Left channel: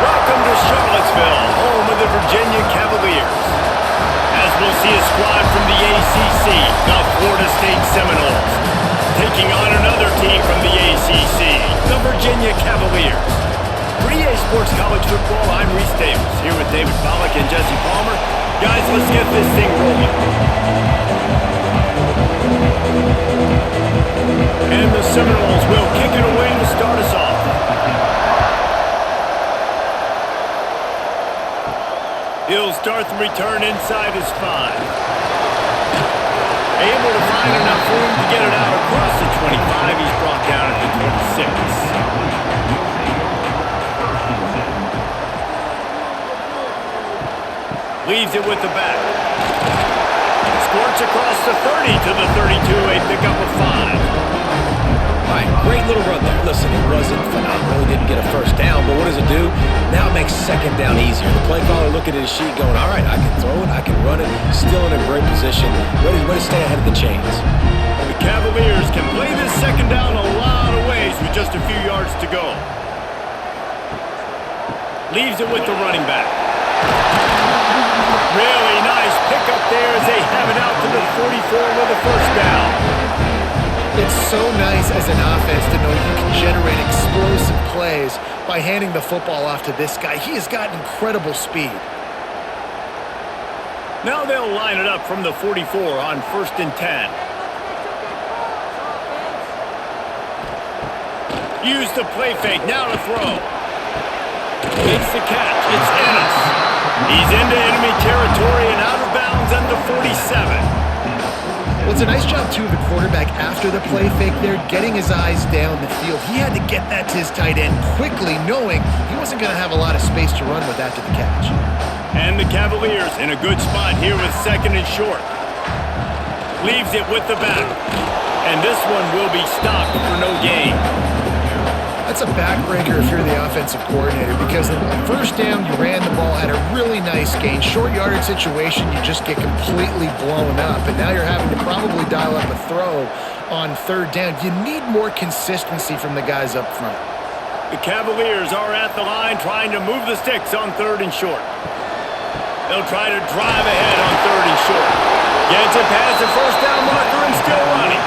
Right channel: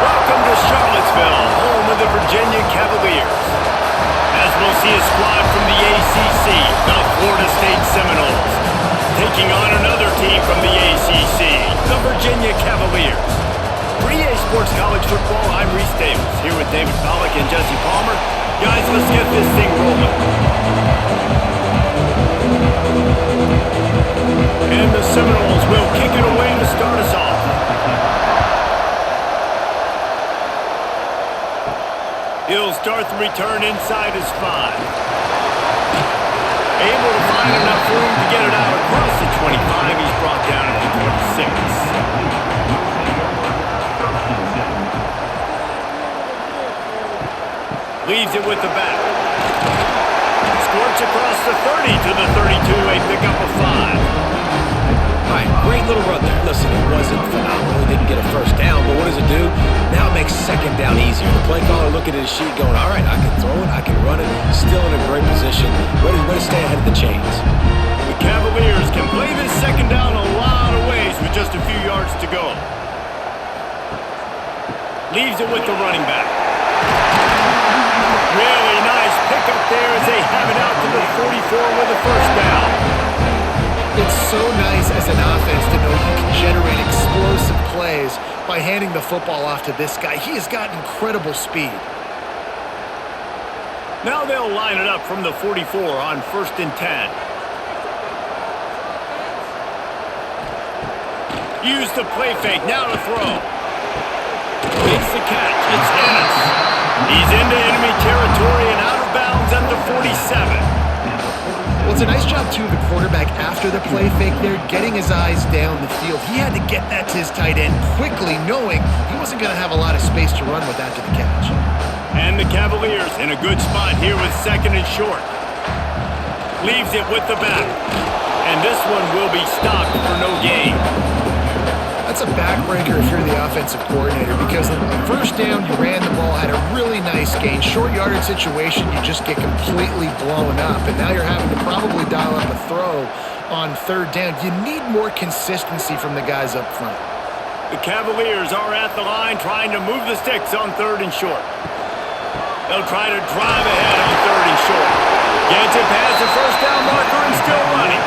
Welcome to Charlottesville, home of the Virginia Cavaliers. As we'll see a squad from the ACC, the Florida State Seminoles, taking on another team from the ACC, the Virginia Cavaliers. For EA Sports College Football, I'm Reese Davis, here with David Pollack and Jesse Palmer. Guys, let's get this thing rolling. And the Seminoles will kick it away to start us off. He'll start the return inside his 5. Able to find enough room to get it out across the 25. He's brought down at the 26. Leaves it with the back. Squirts across the 30 to the 32. A pickup of 5. All right, great little run there. Listen, it wasn't phenomenal. He didn't get a first down, but what does it do? Now it makes second down easier. The play caller looking at his sheet going, all right, I can throw it, I can run it. Still in a great position. Way to stay ahead of the chains. The Cavaliers can play this second down a lot of ways with just a few yards to go. Leaves it with the running back. Really nice pickup there as they have it out to the 44 with a first down. It's so nice as an offense to know you can generate explosive plays by handing the football off to this guy. He has got incredible speed. Now they'll line it up from the 44 on 1st and 10. Use the play fake, now to throw. Makes the catch, it's Ennis. He's into enemy territory and out of bounds at the 47. Well, it's a nice job, too, of the quarterback after the play fake there, getting his eyes down the field. He had to get that to his tight end quickly, knowing he wasn't going to have a lot of space to run with after the catch. And the Cavaliers in a good spot here with 2nd and short. Leaves it with the back. And this one will be stopped for no gain. That's a backbreaker if you're the offensive coordinator, because the first down, you ran the ball, had a really nice gain. Short yardage situation, you just get completely blown up, and now you're having to probably dial up a throw on 3rd down. You need more consistency from the guys up front. The Cavaliers are at the line trying to move the sticks on 3rd and short. They'll try to drive ahead on 3rd and short. Gets it past the first down marker and still running.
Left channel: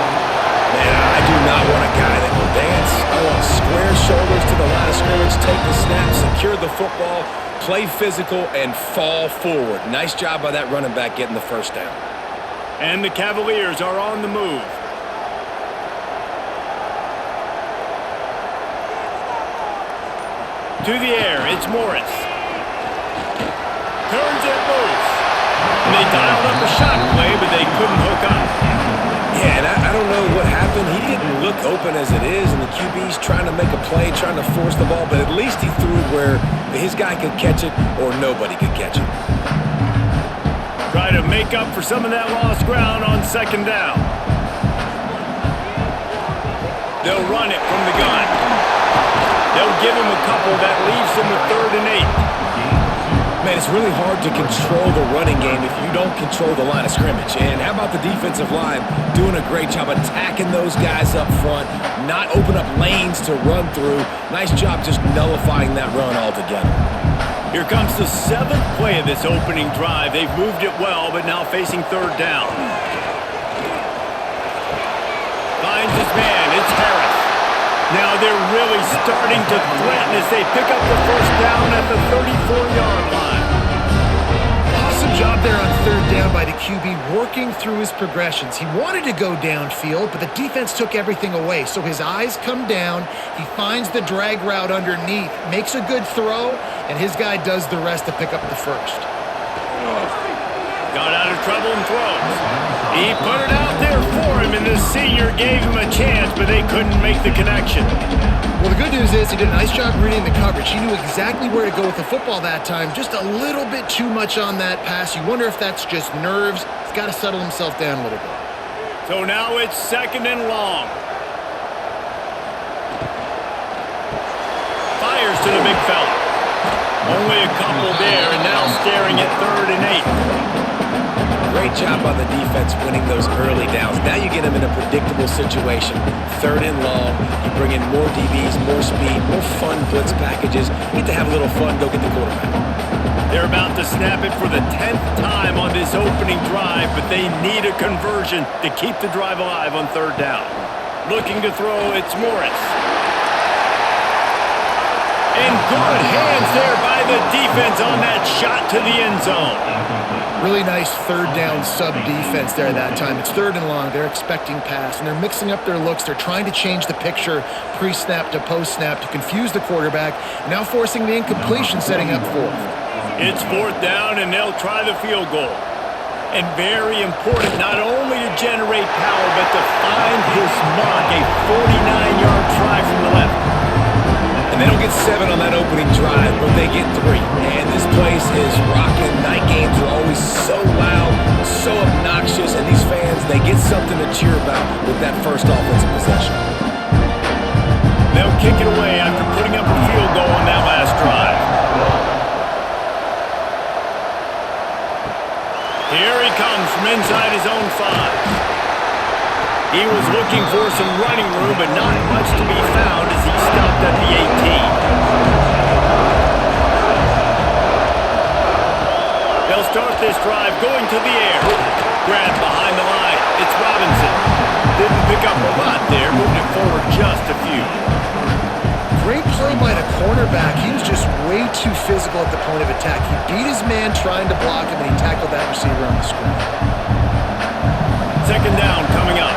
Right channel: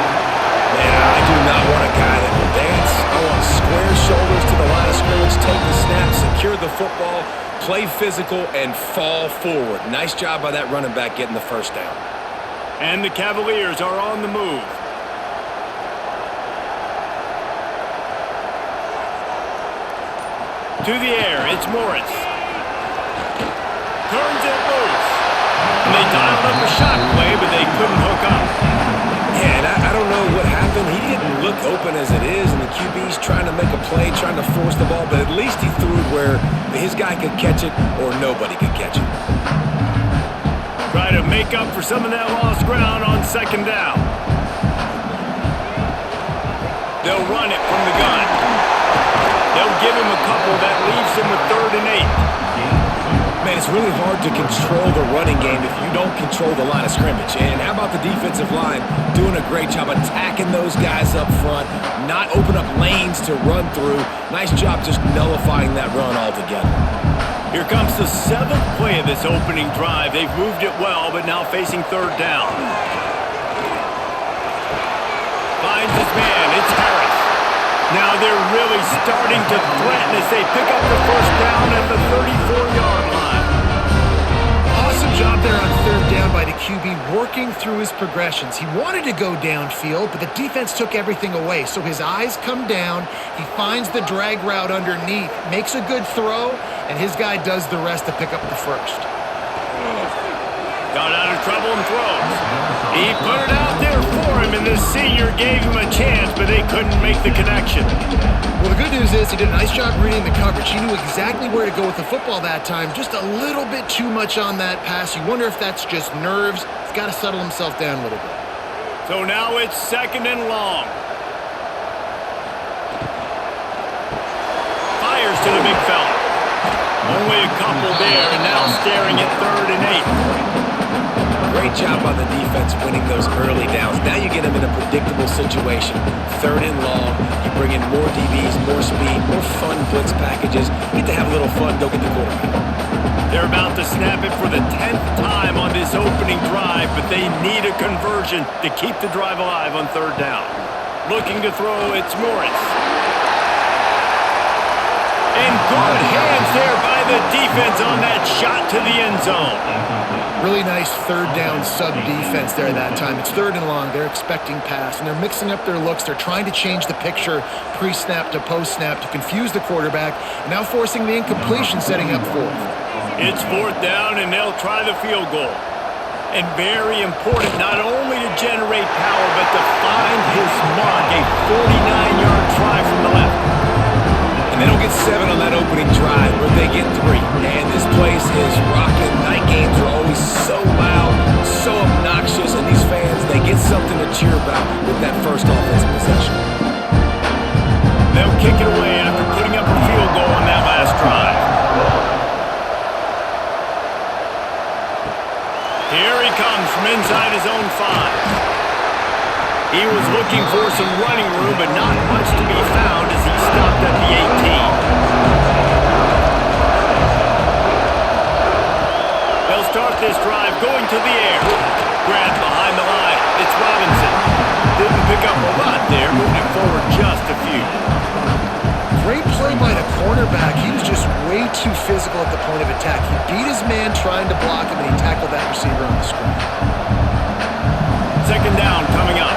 Man, I do not want a guy that will dance. I want square shoulders to the line of scrimmage, take the snap, secure the football, play physical, and fall forward. Nice job by that running back getting the first down. And the Cavaliers are on the move. To the air, it's Morris. Turns it loose. And they dialed up a shot play, but they couldn't hook up. Yeah, and I don't know what happened. He didn't look open as it is, and the QB's trying to make a play, trying to force the ball, but at least he threw it where his guy could catch it or nobody could catch it. Try to make up for some of that lost ground on 2nd down. They'll run it from the gun. They'll give him a couple that leaves him with 3rd and 8. Man, it's really hard to control the running game if you don't control the line of scrimmage. And how about the defensive line doing a great job attacking those guys up front, not open up lanes to run through. Nice job just nullifying that run altogether. Here comes the 7th play of this opening drive. They've moved it well, but now facing 3rd down. Finds his man. It's Harris. Now they're really starting to threaten as they pick up the first down at the 34-yard line. Awesome job there on 3rd down by the QB, working through his progressions. He wanted to go downfield, but the defense took everything away. So his eyes come down, he finds the drag route underneath, makes a good throw, and his guy does the rest to pick up the first. Got out of trouble and throws. He put it out there for him, and the senior gave him a chance, but they couldn't make the connection. Well, the good news is he did a nice job reading the coverage. He knew exactly where to go with the football that time. Just a little bit too much on that pass. You wonder if that's just nerves. He's got to settle himself down a little bit. So now it's 2nd and long. Fires to the big fella. Only a couple there, and now staring at 3rd and 8. Great job by the defense winning those early downs. Now you get them in a predictable situation. 3rd and long, you bring in more DBs, more speed, more fun blitz packages. You get to have a little fun, go get the quarterback. They're about to snap it for the 10th time on this opening drive, but they need a conversion to keep the drive alive on 3rd down. Looking to throw, it's Morris. And good hands there by the defense on that shot to the end zone. Really nice 3rd down sub-defense there that time. It's 3rd and long. They're expecting pass, and they're mixing up their looks. They're trying to change the picture pre-snap to post-snap to confuse the quarterback, and now forcing the incompletion, setting up 4th. It's 4th down, and they'll try the field goal. And very important not only to generate power, but to find his mark, a 49-yard try from the left. And they don't get 7 on that opening drive, but they get 3. And this place is rocking. Night games are always so loud, so obnoxious, and these fans, they get something to cheer about with that first offensive possession. They'll kick it away after putting up a field goal on that last drive. Here he comes from inside his own 5. He was looking for some running room, but not much to be found as he stopped at the 18. They'll start this drive going to the air. Grab behind the line. It's Robinson. Didn't pick up a lot there, moving it forward just a few. Great play by the cornerback. He was just way too physical at the point of attack. He beat his man trying to block him, and he tackled that receiver on the screen. 2nd down coming up.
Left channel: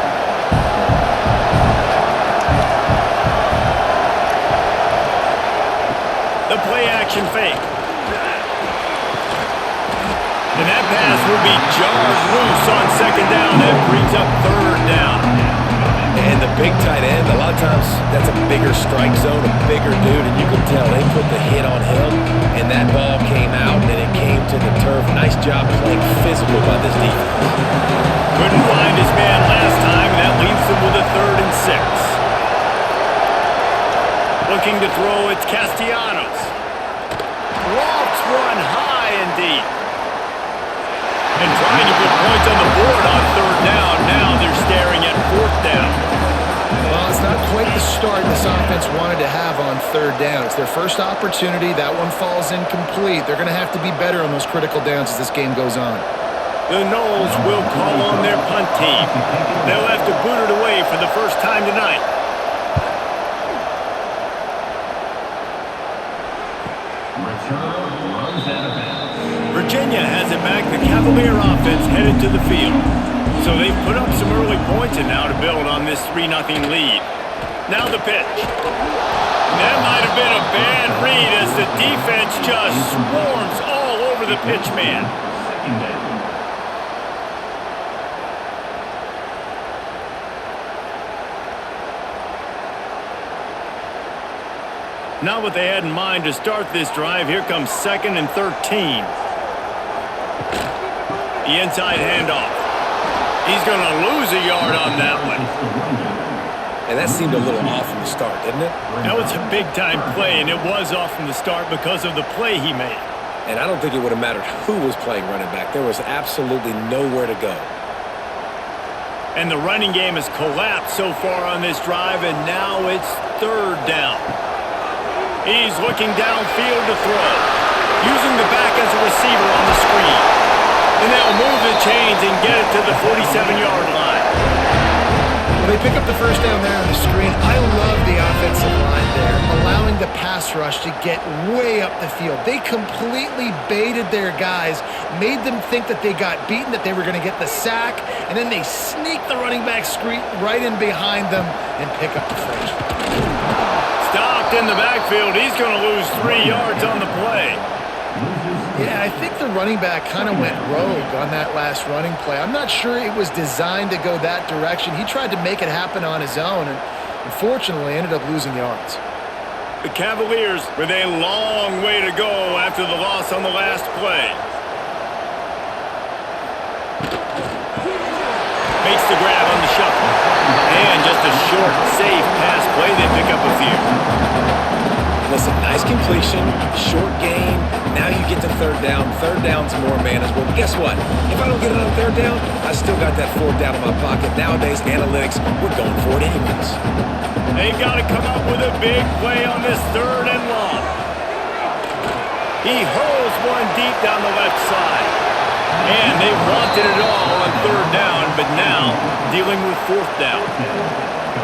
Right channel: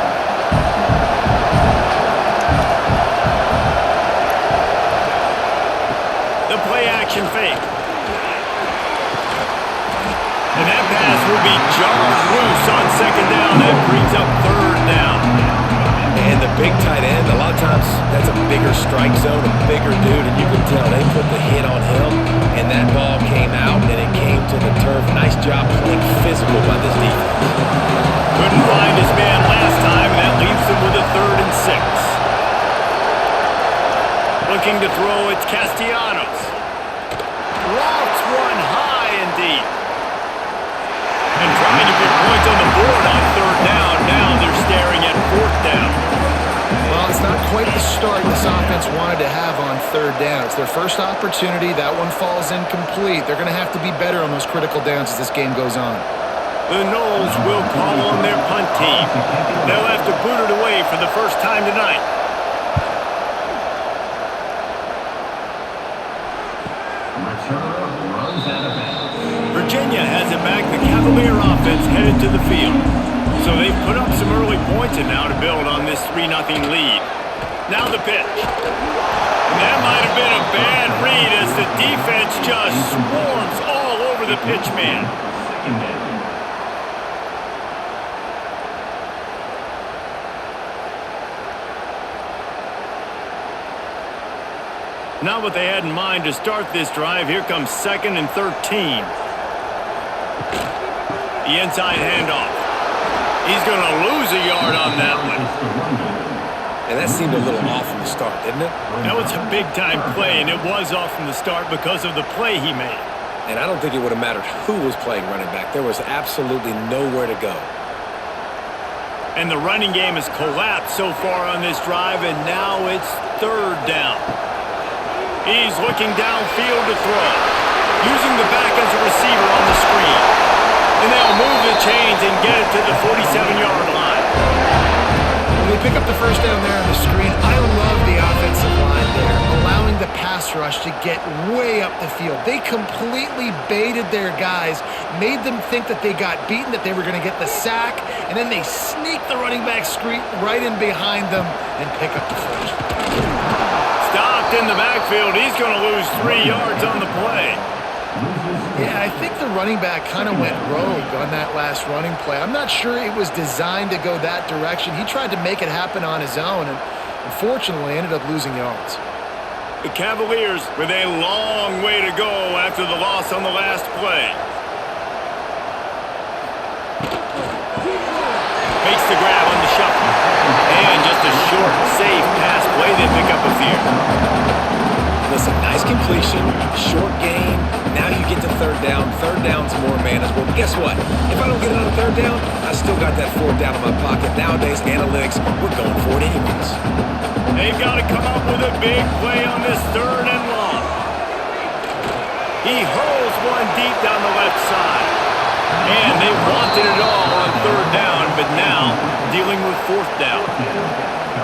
The play action fake. And that pass will be jarred loose on 2nd down. That brings up 3rd down. And the big tight end, a lot of times that's a bigger strike zone, a bigger dude, and you can tell they put the hit on him, and that ball came out, and it came to the turf. Nice job playing physical by this defense. Couldn't find his man last time, and that leaves him with a 3rd and 6. Looking to throw, it's Castellanos. Lofts one high and deep. And trying to put points on the board on 3rd down. Now they're staring at 4th down. Well, it's not quite the start this offense wanted to have on 3rd down. It's their first opportunity. That one falls incomplete. They're going to have to be better on those critical downs as this game goes on. The Knowles will call on their punt team. They'll have to boot it away for the first time tonight. Returner runs out of bounds. Virginia has it back. The Cavalier offense headed to the field. So they've put up some early points and now to build on this 3-0 lead. Now the pitch. And that might have been a bad read as the defense just swarms all over the pitch man. 2nd down. Not what they had in mind to start this drive. Here comes 2nd and 13. The inside handoff. He's going to lose a yard on that one. And that seemed a little off from the start, didn't it? That was a big-time play, and it was off from the start because of the play he made. And I don't think it would have mattered who was playing running back. There was absolutely nowhere to go. And the running game has collapsed so far on this drive, and now it's 3rd down. He's looking downfield to throw, using the back as a receiver on the screen. And they'll move the chains and get it to the 47-yard line. Well, they pick up the 1st down there on the screen. I love the offensive line there, allowing the pass rush to get way up the field. They completely baited their guys, made them think that they got beaten, that they were going to get the sack, and then they sneak the running back screen right in behind them and pick up the 1st. Stopped in the backfield. He's going to lose 3 yards on the play. Yeah, I think the running back kind of went rogue on that last running play. I'm not sure it was designed to go that direction. He tried to make it happen on his own and unfortunately ended up losing yards. The Cavaliers with a long way to go after the loss on the last play. Makes the grab on the shuffle. And just a short, safe pass play. They pick up a few. Listen, nice completion, short gain. Now you get to third down. Third down's more manageable. But guess what? If I don't get it on third down, I still got that fourth down in my pocket. Nowadays, analytics, we're going for it anyways. They've got to come up with a big play on this 3rd and long. He hurls one deep down the left side. And they wanted it all on 3rd down, but now dealing with 4th down.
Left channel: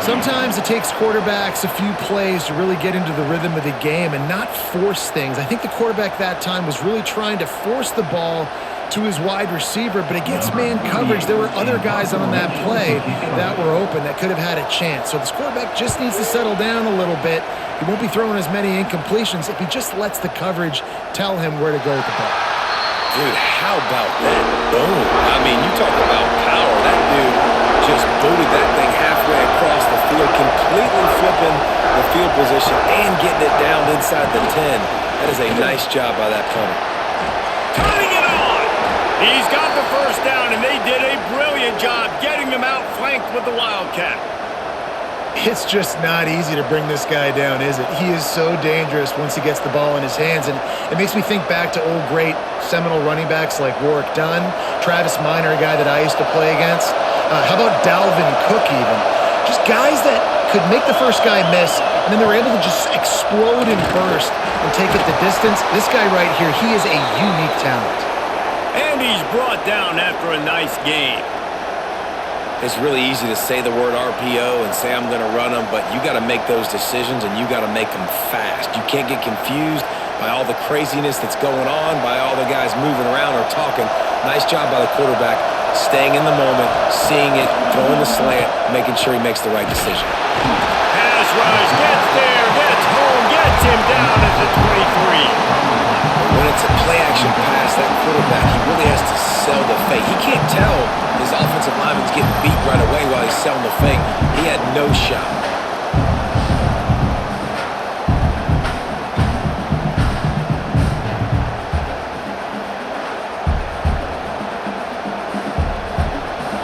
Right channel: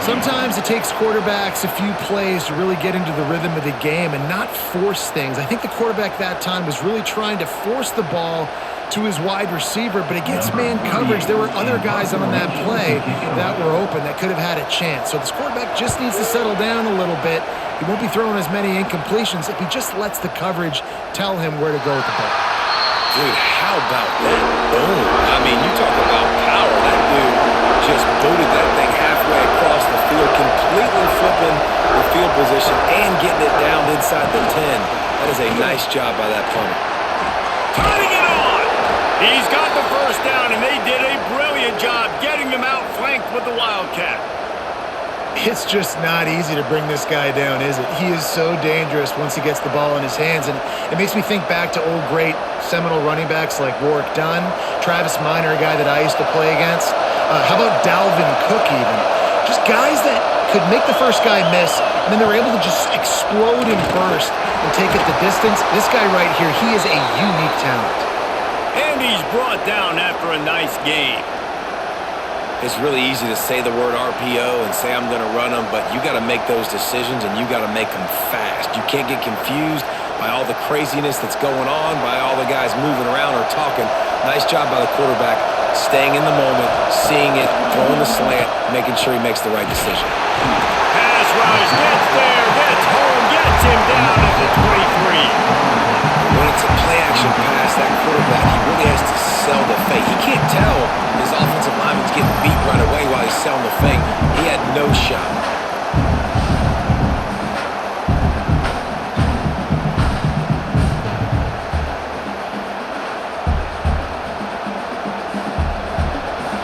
Sometimes it takes quarterbacks a few plays to really get into the rhythm of the game and not force things. I think the quarterback that time was really trying to force the ball to his wide receiver, but against man coverage, there were other guys on that play that were open that could have had a chance. So this quarterback just needs to settle down a little bit. He won't be throwing as many incompletions if he just lets the coverage tell him where to go with the ball. Dude, how about that? Boom. I mean, you talk about power. That dude just booted that thing halfway across the field, completely flipping the field position and getting it down inside the 10. That is a nice job by that punter. Turning it on! He's got the first down, and they did a brilliant job getting them outflanked with the Wildcat. It's just not easy to bring this guy down, is it? He is so dangerous once he gets the ball in his hands, and it makes me think back to old great Seminole running backs like Warwick Dunn, Travis Minor, a guy that I used to play against. How about Dalvin Cook even? Just guys that could make the first guy miss, and then they were able to just explode and burst and take it the distance. This guy right here, he is a unique talent. And he's brought down after a nice game. It's really easy to say the word RPO and say I'm going to run them, but you got to make those decisions and you got to make them fast. You can't get confused by all the craziness that's going on, by all the guys moving around or talking. Nice job by the quarterback, staying in the moment, seeing it, throwing the slant, making sure he makes the right decision. Pass rush, gets there, gets home, gets him down at the 23. When it's a play-action pass, that quarterback, he really has to sell the fake. He can't tell his offensive lineman's getting beat right away while he's selling the fake. He had no shot.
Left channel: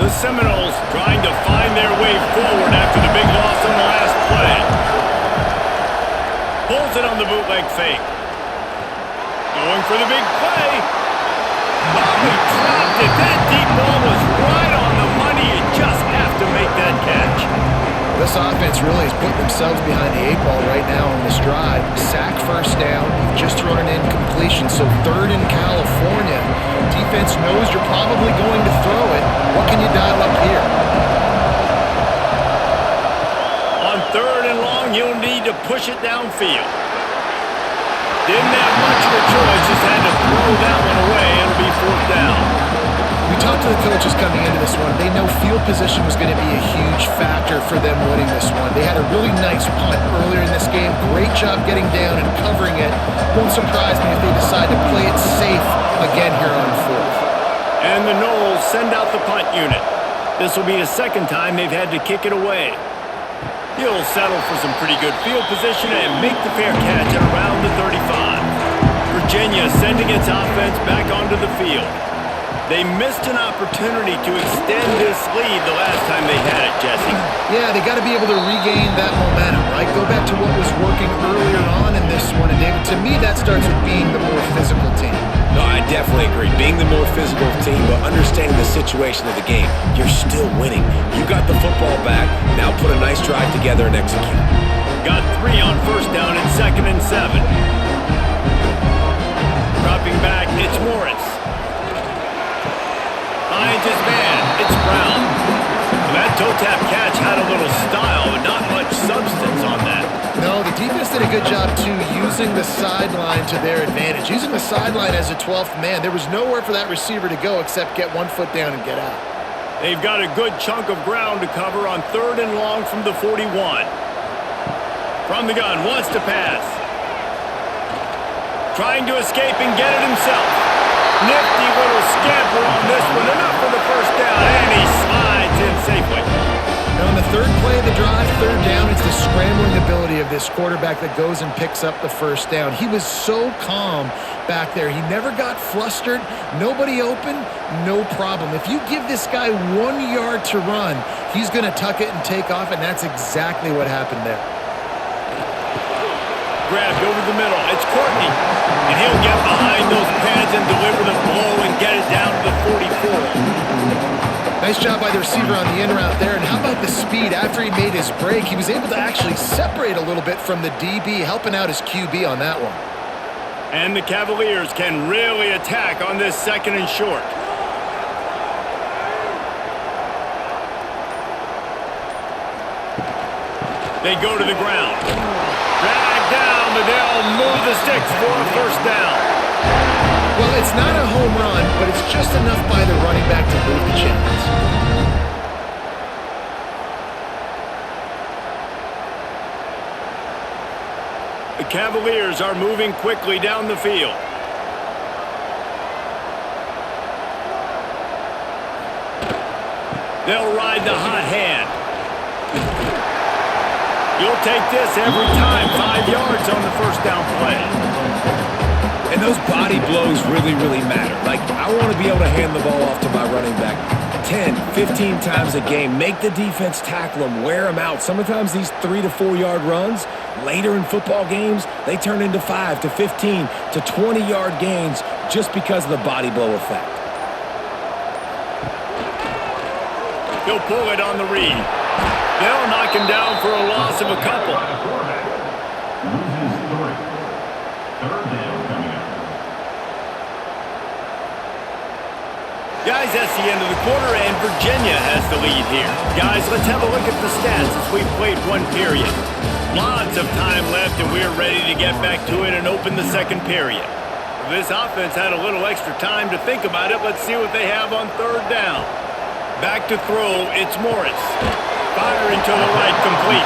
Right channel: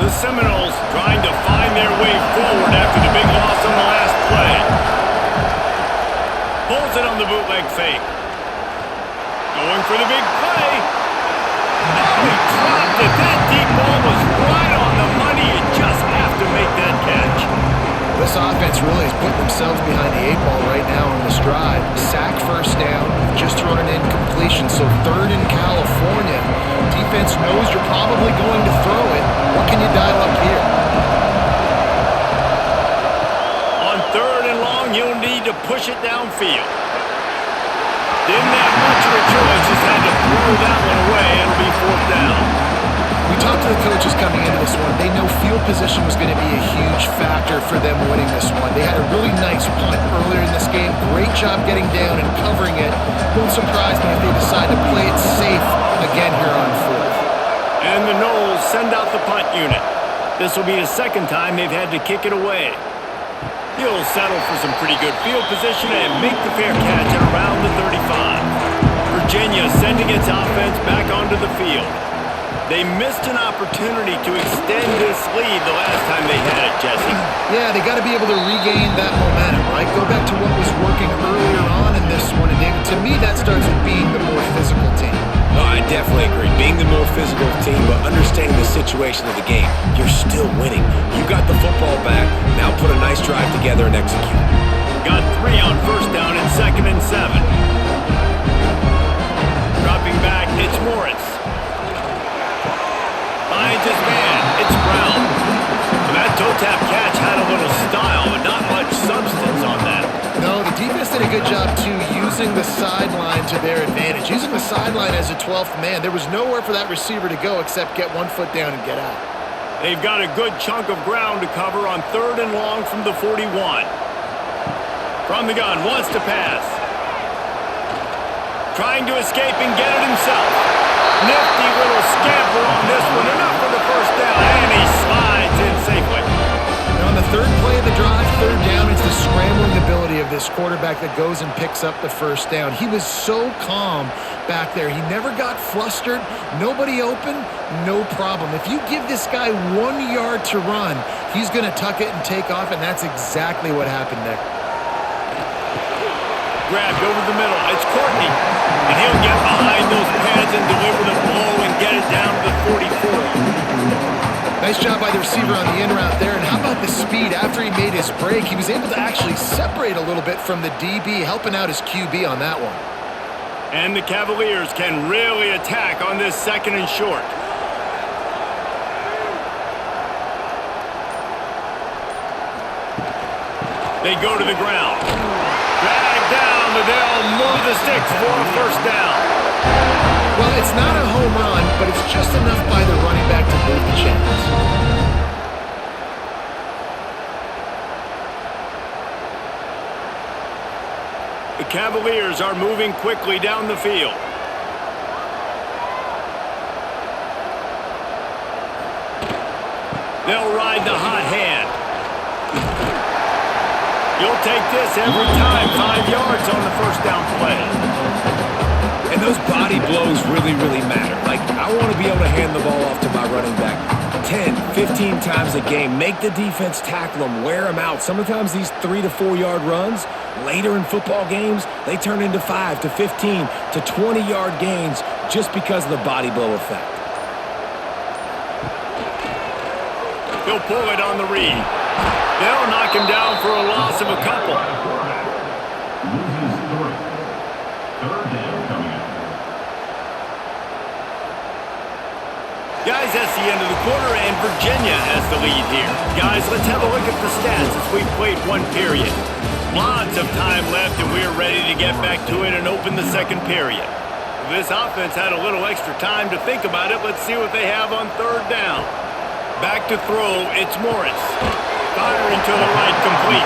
The Seminoles trying to find their way forward after the big loss on the last play. Pulls it on the bootleg fake. Going for the big play. Oh, he dropped it. That deep ball was right on the money. You just have to make that catch. This offense really is putting themselves behind the 8-ball right now on this drive. Sack first down. You've just thrown an incompletion. So 3rd in California. Defense knows you're probably going to throw it. What can you dial up here? On 3rd and long, you'll need to push it downfield. Didn't have much of a choice, just had to throw that one away. It'll be 4th down. We talked to the coaches coming into this one. They know field position was going to be a huge factor for them winning this one. They had a really nice punt earlier in this game. Great job getting down and covering it. Won't surprise me if they decide to play it safe again here on 4th. And the Noles send out the punt unit. This will be the 2nd time they've had to kick it away. He'll settle for some pretty good field position and make the fair catch at around the 35. Virginia sending its offense back onto the field. They missed an opportunity to extend this lead the last time they had it, Jesse. Yeah, they got to be able to regain that momentum, right? Go back to what was working earlier on in this one. And David, to me, that starts with being the more physical team. No, I definitely agree. Being the more physical team, but understanding the situation of the game. You're still winning. You got the football back. Now put a nice drive together and execute. Got 3 on 1st down and 2nd and 7. Dropping back, it's Morris. Finds his man, it's Brown. Well, that toe tap catch had a little style, but not much substance on that. No, the defense did a good job, too, using the sideline to their advantage. Using the sideline as a 12th man. There was nowhere for that receiver to go except get 1 foot down and get out. They've got a good chunk of ground to cover on 3rd and long from the 41. From the gun, wants to pass. Trying to escape and get it himself. Nifty little scamper on this one. Enough for the 1st down, and he slides in safely. And on the 3rd play of the drive, 3rd down, it's the scrambling ability of this quarterback that goes and picks up the 1st down. He was so calm back there. He never got flustered. Nobody open, no problem. If you give this guy 1 yard to run, he's going to tuck it and take off, and that's exactly what happened there. grabbed over the middle. It's Courtney. And he'll get behind those pads and deliver the blow and get it down to the 44. Nice job by the receiver on the in route there. And how about the speed? After he made his break, he was able to actually separate a little bit from the DB, helping out his QB on that one. And the Cavaliers can really attack on this 2nd and short. They go to the ground. Drag down, but they'll move the sticks for a 1st down. Well, it's not a home run, but it's just enough by the running back to move the chains. The Cavaliers are moving quickly down the field. They'll ride the hot hand. You'll take this every time. 5 yards on the 1st down play. And those body blows really, really matter. Like, I want to be able to hand the ball off to my running back 10, 15 times a game. Make the defense tackle them, wear them out. Sometimes these 3 to 4 yard runs, later in football games, they turn into 5 to 15 to 20 yard gains just because of the body blow effect. He'll pull it on the read. They'll knock him down for a loss of a couple. Loses 3. 3rd down coming up. Guys, that's the end of the quarter, and Virginia has the lead here. Guys, let's have a look at the stats as we've played 1 period. Lots of time left, and we're ready to get back to it and open the 2nd period. If this offense had a little extra time to think about it, let's see what they have on 3rd down. Back to throw, it's Morris. Firing to the right, complete.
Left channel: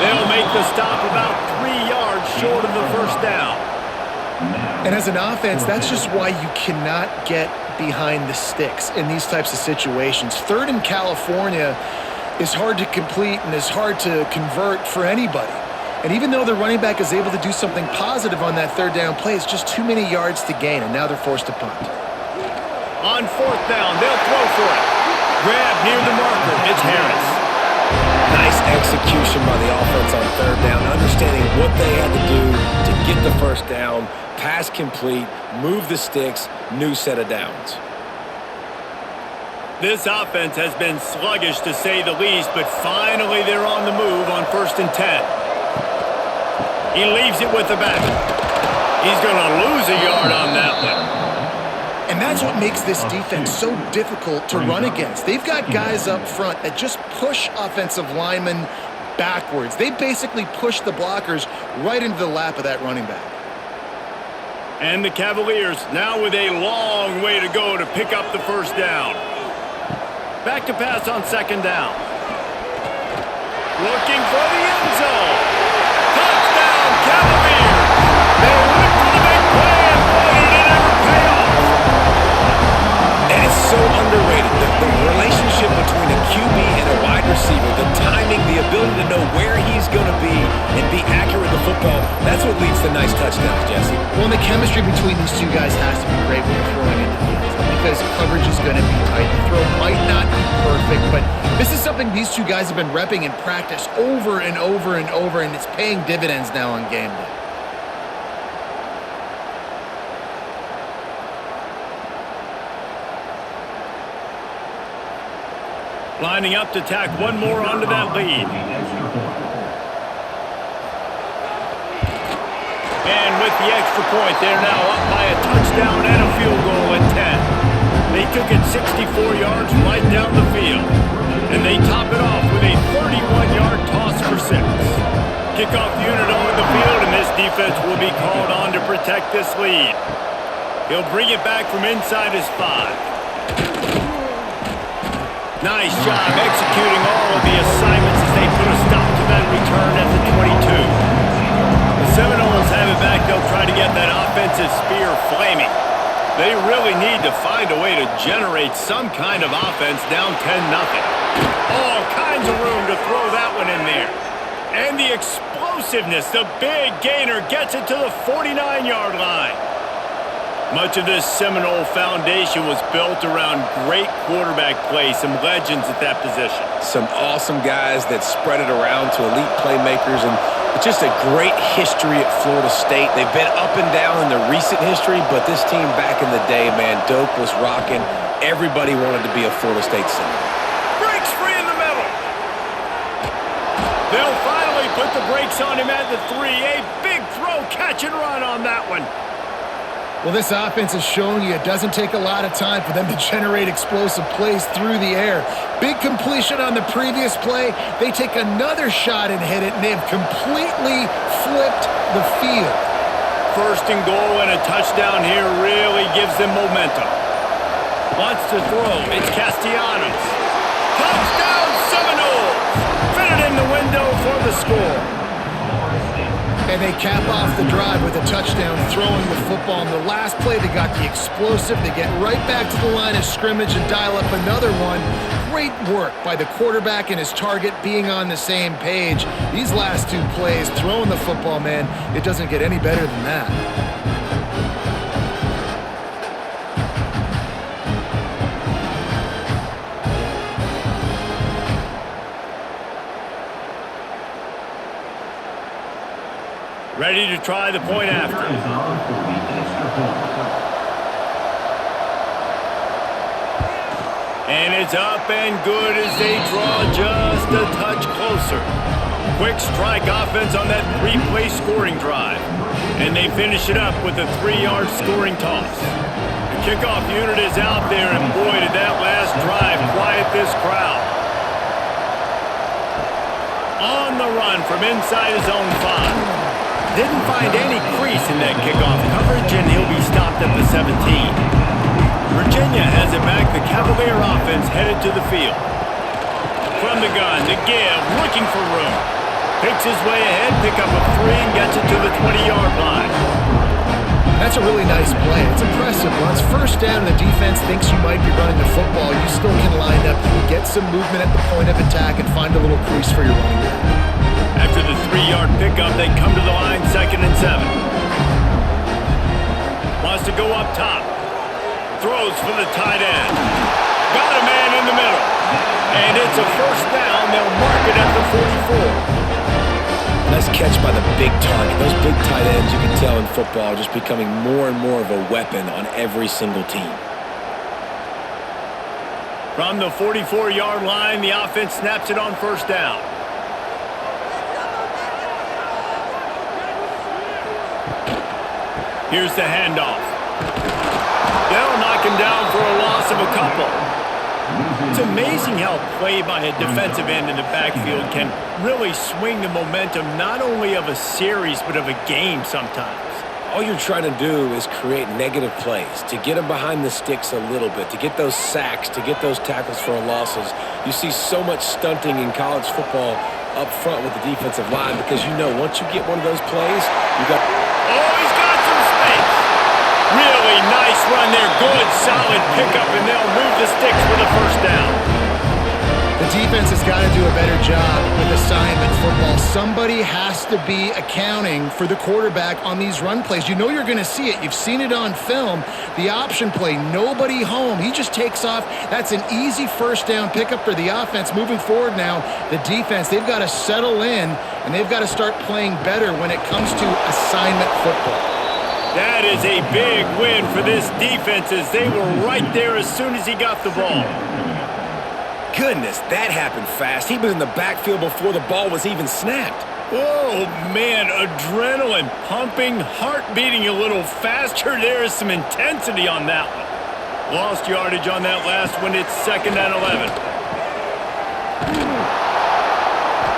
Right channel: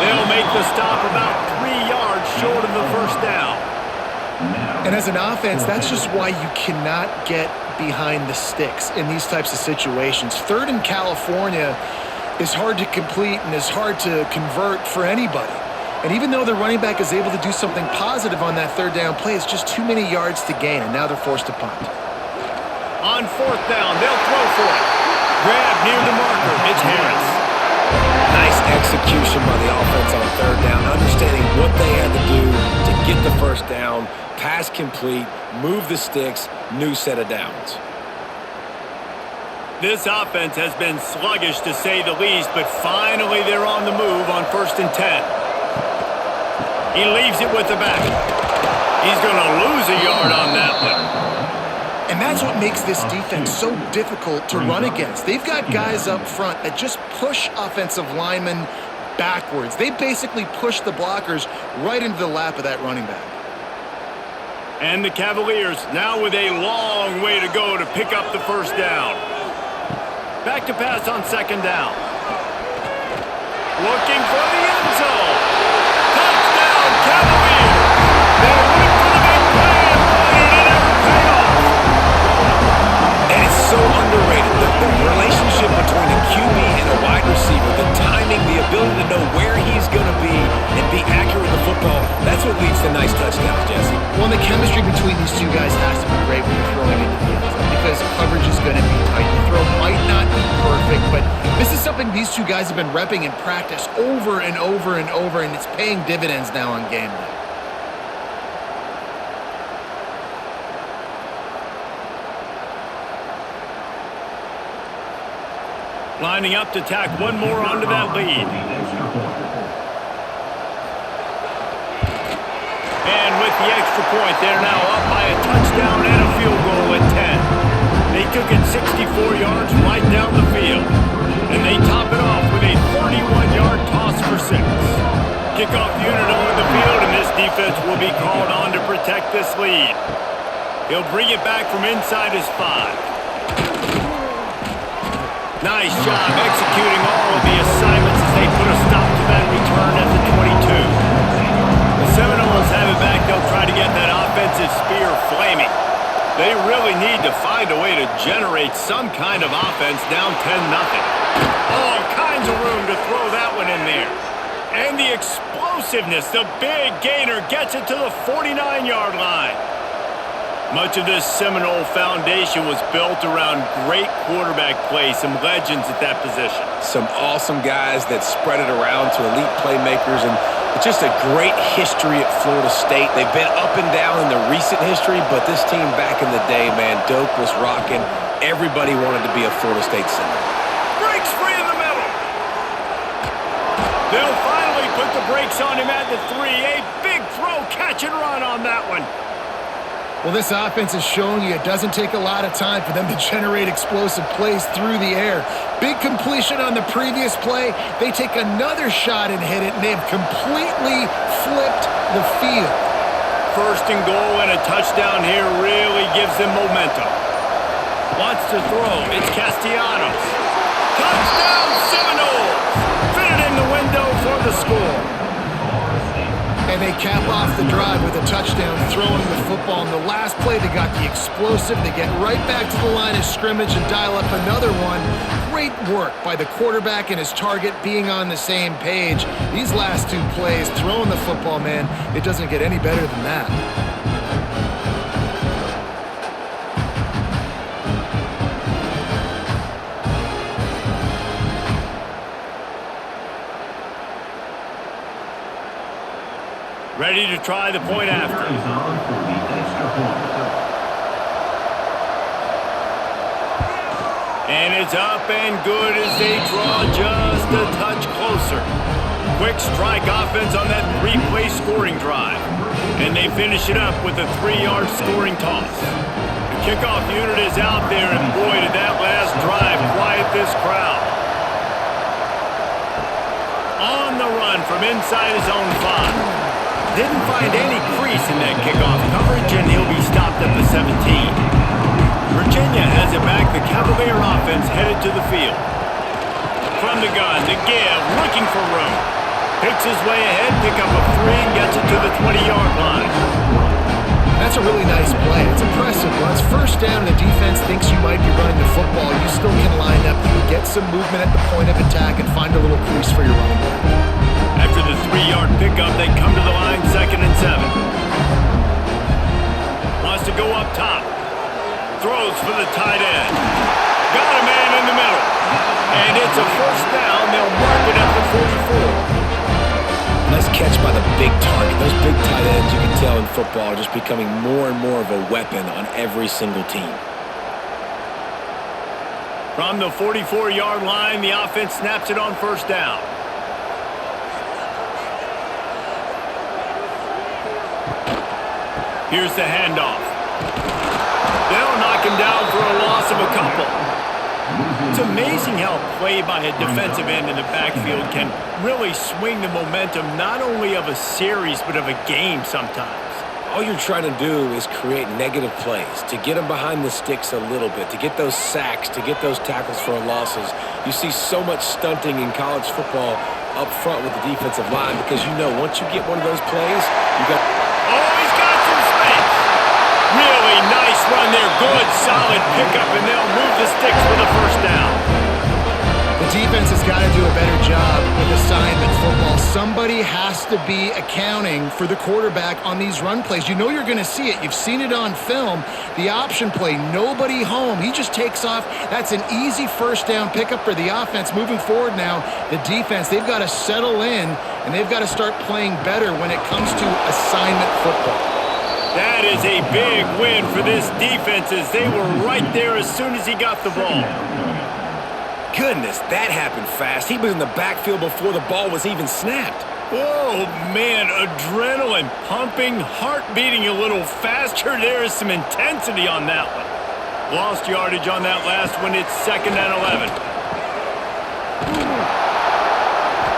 They'll make the stop about 3 yards short of the 1st down. And as an offense, that's just why you cannot get behind the sticks in these types of situations. 3rd in California is hard to complete and is hard to convert for anybody. And even though the running back is able to do something positive on that 3rd down play, it's just too many yards to gain, and now they're forced to punt. On 4th down, they'll throw for it. Grab near the marker, it's Harris. Nice execution by the offense on 3rd down, understanding what they had to do to get the 1st down, pass complete, move the sticks, new set of downs. This offense has been sluggish to say the least, but finally they're on the move on 1st and 10. He leaves it with the back. He's going to lose a yard on that one. And that's what makes this defense so difficult to run against. They've got guys up front that just push offensive linemen backwards. They basically push the blockers right into the lap of that running back. And the Cavaliers now with a long way to go to pick up the 1st down. Back to pass on 2nd down. Looking for the end zone. Touchdown, Cavaliers! They went for the big play, and boy, did it ever pay off. And it's so underrated, the relationship between a QB and a wide receiver, the timing, the ability to know where he's going to be and be accurate with the football, that's what leads to nice touchdowns, Jesse. Well, the chemistry between these two guys has to be great when you're throwing into the end zone because coverage is going to be tight. The throw might not be perfect, but this is something these two guys have been repping in practice over and over and over, and it's paying dividends now on game day. Lining up to tack one more onto that lead. And with the extra point, they're now up by a touchdown and a field goal at 10. They took it 64 yards right down the field. And they top it off with a 31-yard toss for 6. Kickoff unit on the field, and this defense will be called on to protect this lead. He'll bring it back from inside his 5. Nice job executing all of the assignments as they put a stop to that return at the 22. The Seminoles have it back. They'll try to get that offensive spear flaming. They really need to find a way to generate some kind of offense down 10-0. All kinds of room to throw that one in there. And the explosiveness, the big gainer gets it to the 49-yard line. Much of this Seminole foundation was built around great quarterback play, some legends at that position. Some awesome guys that spread it around to elite playmakers, and it's just a great history at Florida State. They've been up and down in the recent history, but this team back in the day, man, Doak was rocking. Everybody wanted to be a Florida State Seminole. Breaks free in the middle. They'll finally put the brakes on him at the 3. A big throw, catch and run on that one. Well, this offense is showing you it doesn't take a lot of time for them to generate explosive plays through the air. Big completion on the previous play. They take another shot and hit it, and they have completely flipped the field. First and goal and a touchdown here really gives them momentum. Wants to throw. It's Castellanos. Touchdown Seminoles! Fitted in the window for the score. And they cap off the drive with a touchdown, throwing the football. In the last play, they got the explosive. They get right back to the line of scrimmage and dial up another one. Great work by the quarterback and his target being on the same page. These last two plays, throwing the football, man, it doesn't get any better than that. Ready to try the point after. Is on for the extra point. And it's up and good as they draw just a touch closer. Quick strike offense on that 3-play scoring drive. And they finish it up with a 3-yard scoring toss. The kickoff unit is out there, and boy, did that last drive quiet this crowd. On the run from inside his own 5. Didn't find any crease in that kickoff coverage, and he'll be stopped at the 17. Virginia has it back. The Cavalier offense headed to the field. From the gun, to give, looking for room. Picks his way ahead, pick up a 3, and gets it to the 20-yard line. That's a really nice play. It's impressive. Once first down and the defense thinks you might be running the football, you still can line up. You can get some movement at the point of attack and find a little crease for your running back. After the 3-yard pickup, they come to the line 2nd and 7. Wants to go up top. Throws for the tight end. Got a man in the middle. And it's a first down. They'll mark it at the 44. Nice catch by the big target. Those big tight ends, you can tell in football, are just becoming more and more of a weapon on every single team. From the 44-yard line, the offense snaps it on first down. Here's the handoff. They'll knock him down for a loss of a couple. It's amazing how play by a defensive end in the backfield can really swing the momentum not only of a series but of a game sometimes. All you're trying to do is create negative plays, to get them behind the sticks a little bit, to get those sacks, to get those tackles for losses. You see so much stunting in college football up front with the defensive line because you know once you get one of those plays, you got... Oh, he's got some space. Really nice run there. Good, solid pickup, and they'll move the sticks with a first down. The defense has got to do a better job with assignment football. Somebody has to be accounting for the quarterback on these run plays. You know you're going to see it. You've seen it on film. The option play, nobody home. He just takes off. That's an easy first down pickup for the offense. Moving forward now, the defense, they've got to settle in, and they've got to start playing better when it comes to assignment football. That is a big win for this defense as they were right there as soon as he got the ball. Goodness, that happened fast. He was in the backfield before the ball was even snapped. Oh, man, adrenaline pumping, heart beating a little faster. There is some intensity on that one. Lost yardage on that last one. It's 2nd and 11.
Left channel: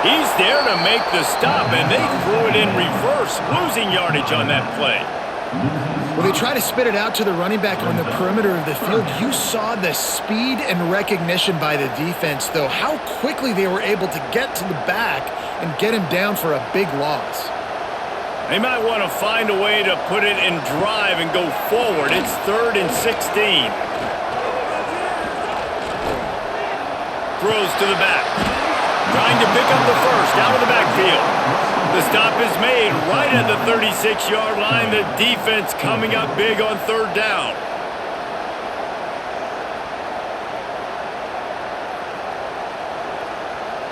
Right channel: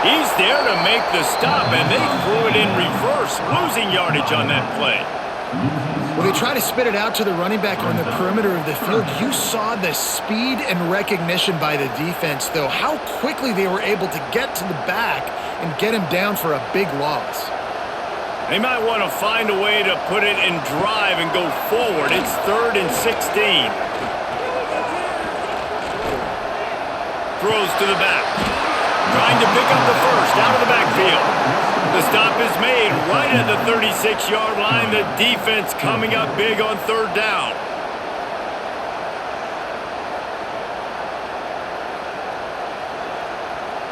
He's there to make the stop, and they threw it in reverse, losing yardage on that play. Well, they try to spit it out to the running back on the perimeter of the field. You saw the speed and recognition by the defense, though, how quickly they were able to get to the back and get him down for a big loss. They might want to find a way to put it in drive and go forward. It's 3rd and 16. Throws to the back. Trying to pick up the first out of the backfield. The stop is made right at the 36-yard line. The defense coming up big on third down.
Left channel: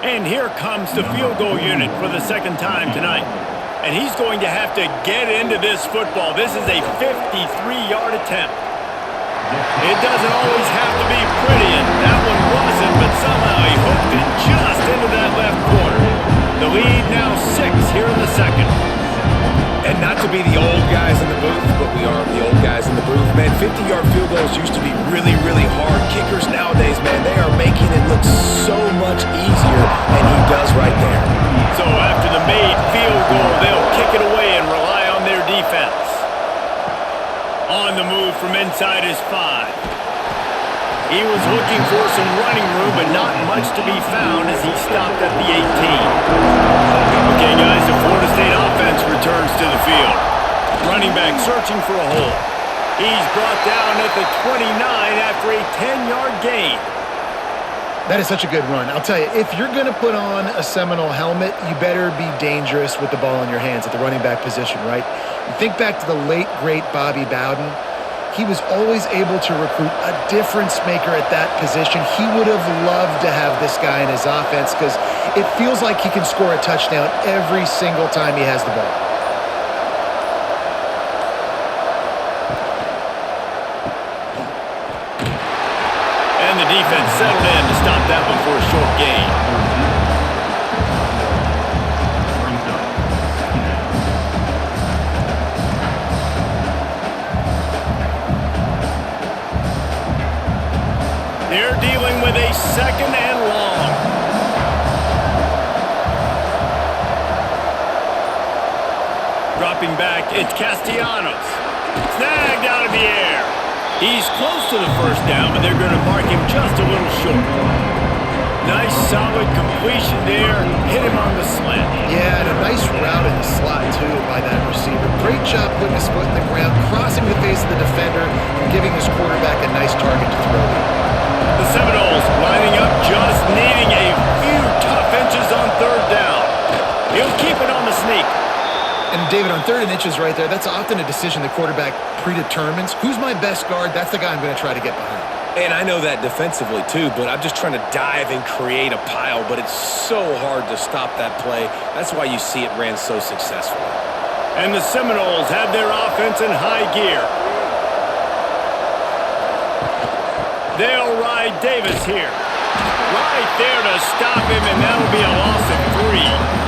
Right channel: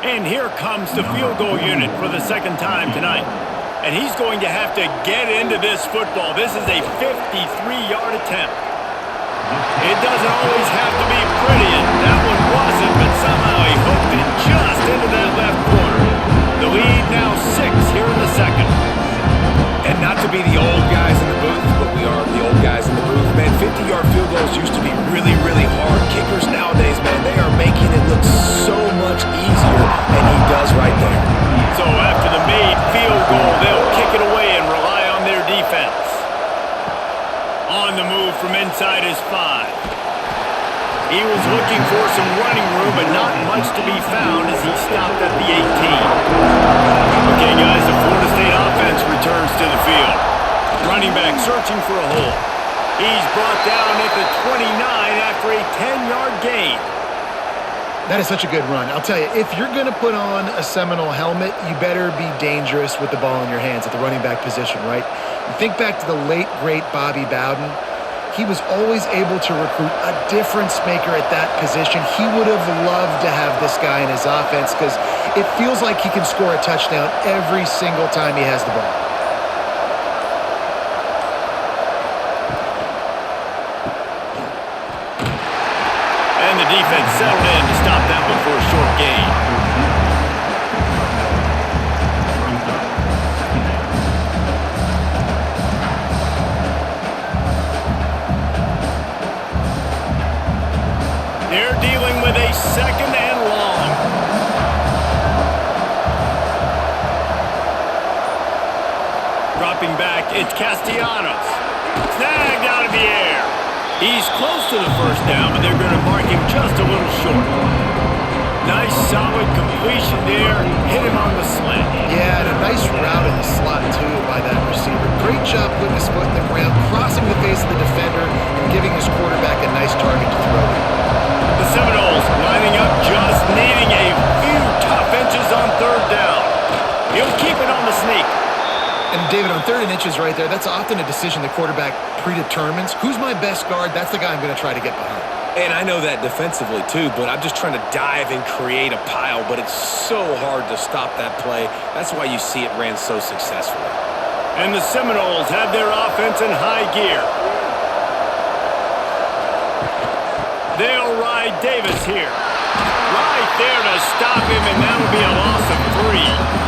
And here comes the field goal unit for the second time tonight. And he's going to have to get into this football. This is a 53-yard attempt. It doesn't always have to be pretty, and that one wasn't, but somehow he hooked it just into that left corner. The lead now 6 here in the second. And not to be the old guys in the booth, but we are the old guys in the booth. Man, 50-yard field goals used to be really, really hard. Kickers nowadays, man, they are making it look so much easier, and he does right there. So after the made field goal, they'll kick it away and rely on their defense. On the move from inside his 5. He was looking for some running room, but not much to be found as he stopped at the 18. Okay, guys, the Florida State offense returns to the field. Running back searching for a hole. He's brought down at the 29 after a 10-yard gain. That is such a good run. I'll tell you, if you're going to put on a Seminole helmet, you better be dangerous with the ball in your hands at the running back position, right? You think back to the late, great Bobby Bowden. He was always able to recruit a difference maker at that position. He would have loved to have this guy in his offense because it feels like he can score a touchdown every single time he has the ball. And the defense settled in to stop that one for a short gain. They're dealing with a second and long. Dropping back, it's Castellanos. Snagged out of the air. He's close to the first down, but they're going to mark him just a little short. Nice, solid completion there. Hit him on the slant. Yeah, and a nice route in the slot, too, by that receiver. Great job putting his foot in the ground, crossing the face of the defender, and giving his quarterback a nice target to throw to. The Seminoles lining up, just needing a few tough inches on third down. He'll keep it on the sneak. And David, on 3rd and inches right there, that's often a decision the quarterback predetermines. Who's my best guard? That's the guy I'm going to try to get behind. And I know that defensively too, but I'm just trying to dive and create a pile, but it's so hard to stop that play. That's why you see it ran so successfully. And the Seminoles have their offense in high gear. They'll ride Davis here. Right there to stop him, and that'll be a loss of 3.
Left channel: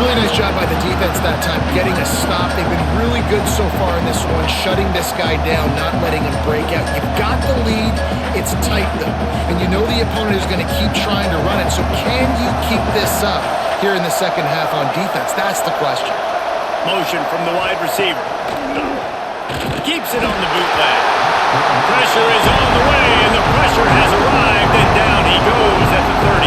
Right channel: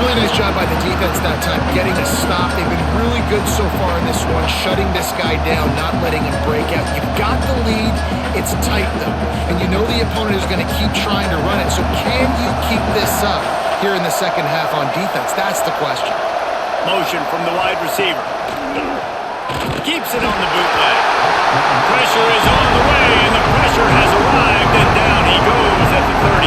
Really nice job by the defense that time, getting a stop. They've been really good so far in this one, shutting this guy down, not letting him break out. You've got the lead. It's tight, though. And you know the opponent is going to keep trying to run it. So can you keep this up here in the second half on defense? That's the question. Motion from the wide receiver. Keeps it on the bootleg. Pressure is on the way, and the pressure has arrived, and down he goes at the 30.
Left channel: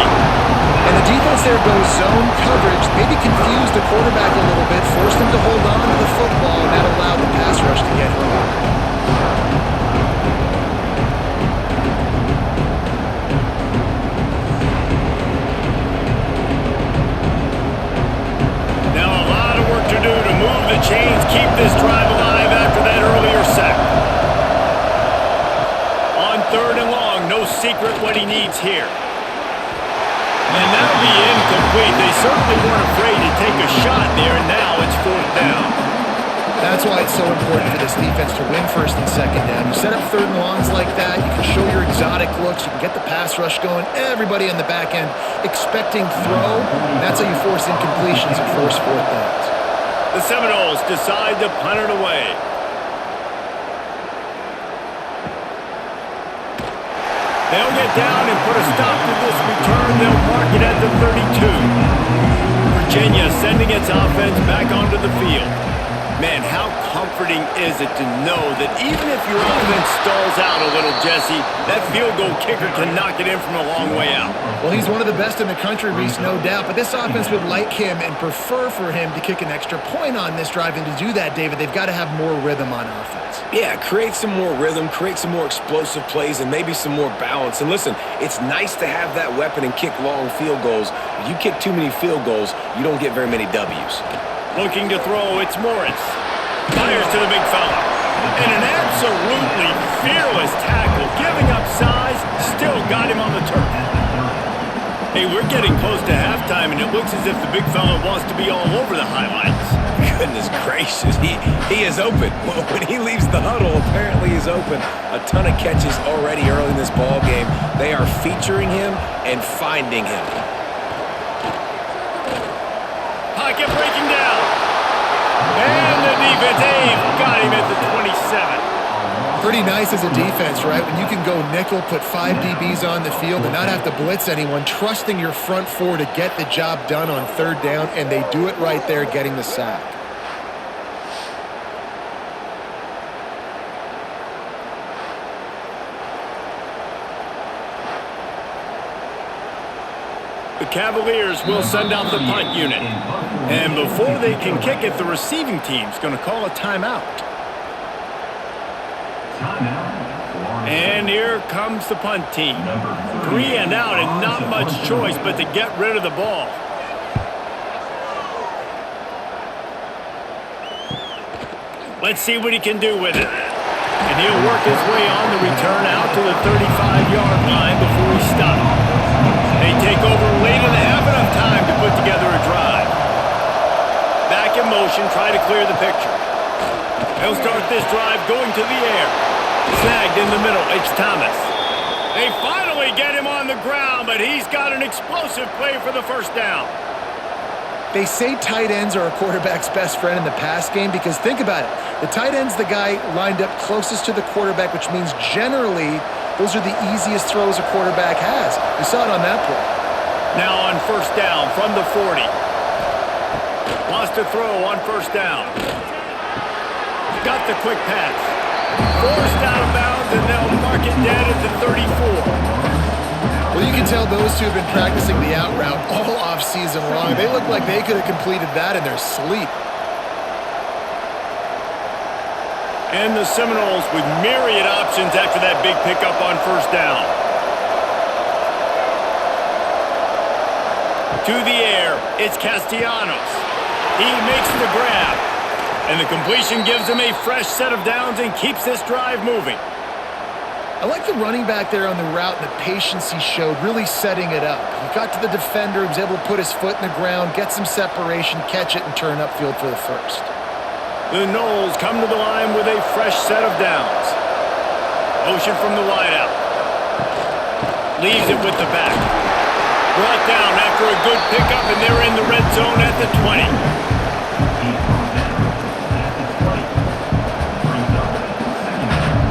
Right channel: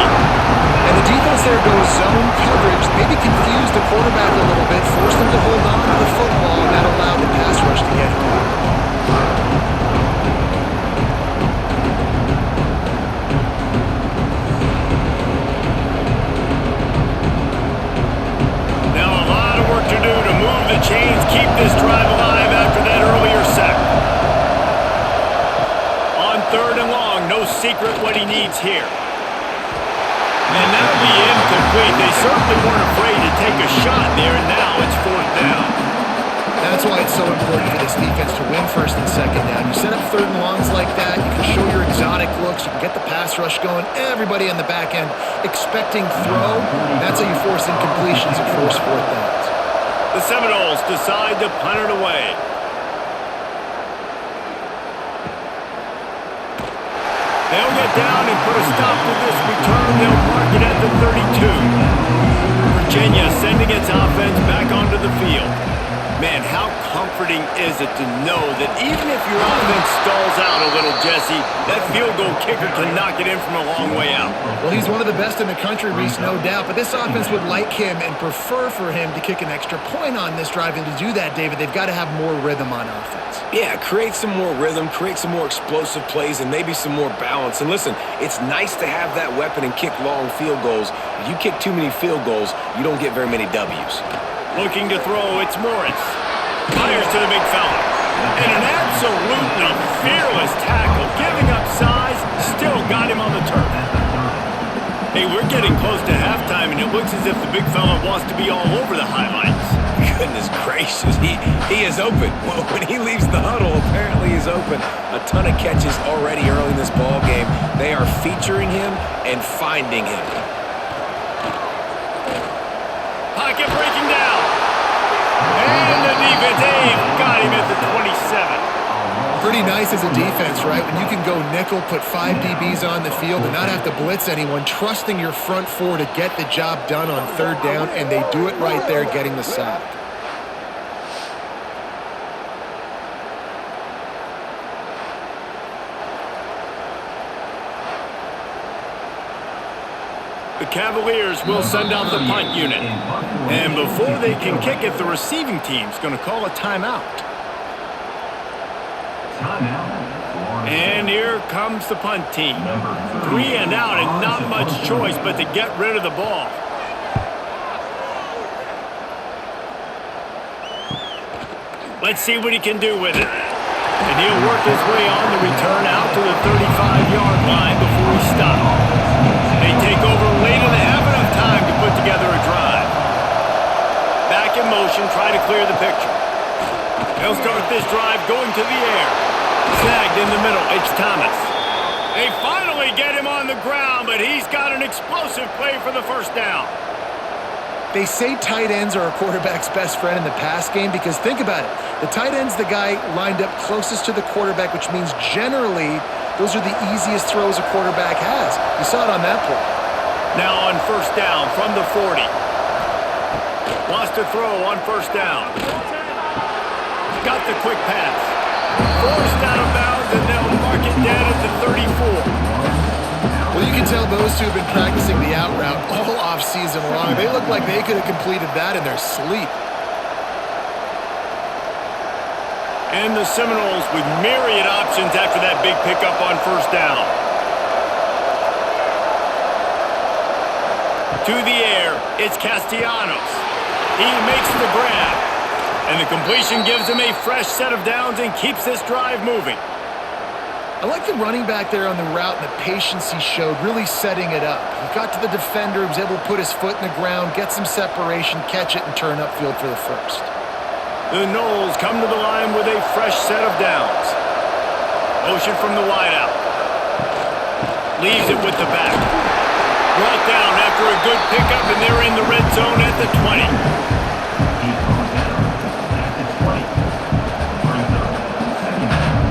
And the defense there goes zone coverage, maybe confused the quarterback a little bit, forced him to hold on to the football, and that allowed the pass rush to get home. Now a lot of work to do to move the chains, keep this drive alive after that earlier sack. On 3rd and long, no secret what he needs here. And that'll be incomplete. They certainly weren't afraid to take a shot there, and now it's 4th down. That's why it's so important for this defense to win 1st and 2nd down. You set up 3rd and longs like that, you can show your exotic looks, you can get the pass rush going, everybody on the back end expecting throw, and that's how you force incompletions and force 4th downs. The Seminoles decide to punt it away. They'll get down and put a stop to this return. They'll mark it at the 32. Virginia sending its offense back onto the field. Man, how comforting is it to know that even if your offense stalls out a little, Jesse, that field goal kicker can knock it in from a long way out. Well, he's one of the best in the country, Reese, no doubt. But this offense would like him and prefer for him to kick an extra point on this drive. And to do that, David, they've got to have more rhythm on offense. Yeah, create some more rhythm, create some more explosive plays, and maybe some more balance. And listen, it's nice to have that weapon and kick long field goals. If you kick too many field goals, you don't get very many W's. Looking to throw, it's Morris. Fires to the big fella. And an absolutely fearless tackle, giving up size, still got him on the turf. Hey, we're getting close to halftime, and it looks as if the big fella wants to be all over the highlights. Goodness gracious, he is open. When he leaves the huddle, apparently he's open. A ton of catches already early in this ball game. They are featuring him and finding him. Pocket breaking down. And the defense, they've got him at the 27. Pretty nice as a defense, right? When you can go nickel, put 5 DBs on the field and not have to blitz anyone, trusting your front four to get the job done on third down, and they do it right there, getting the sack. The Cavaliers will send out the punt unit. And before they can kick it, the receiving team's going to call a timeout. And here comes the punt team. 3 and out and not much choice but to get rid of the ball. Let's see what he can do with it. And he'll work his way on the return out to the 35-yard line before he stops. They take over late in the half, enough time to put together a drive. Back in motion, try to clear the picture. He'll start this drive going to the air. Snagged in the middle, it's Thomas. They finally get him on the ground, but he's got an explosive play for the first down. They say tight ends are a quarterback's best friend in the pass game because think about it. The tight end's the guy lined up closest to the quarterback, which means generally those are the easiest throws a quarterback has. You saw it on that play. Now on first down from the 40. Wants to throw on first down. Got the quick pass. Forced out of bounds, and they'll mark it dead at the 34. Well, you can tell those two have been practicing the out route all off season long. They look like they could have completed that in their sleep. And the Seminoles with myriad options after that big pickup on first down. To the air, it's Castellanos. He makes the grab. And the completion gives him a fresh set of downs and keeps this drive moving. I like the running back there on the route and the patience he showed, really setting it up. He got to the defender, he was able to put his foot in the ground, get some separation, catch it, and turn upfield for the first. The Noles come to the line with a fresh set of downs. Motion from the wideout. Leaves it with the back. Brought down after a good pickup, and they're in the red zone at the 20. He's brought down at the 20. Brings up second down.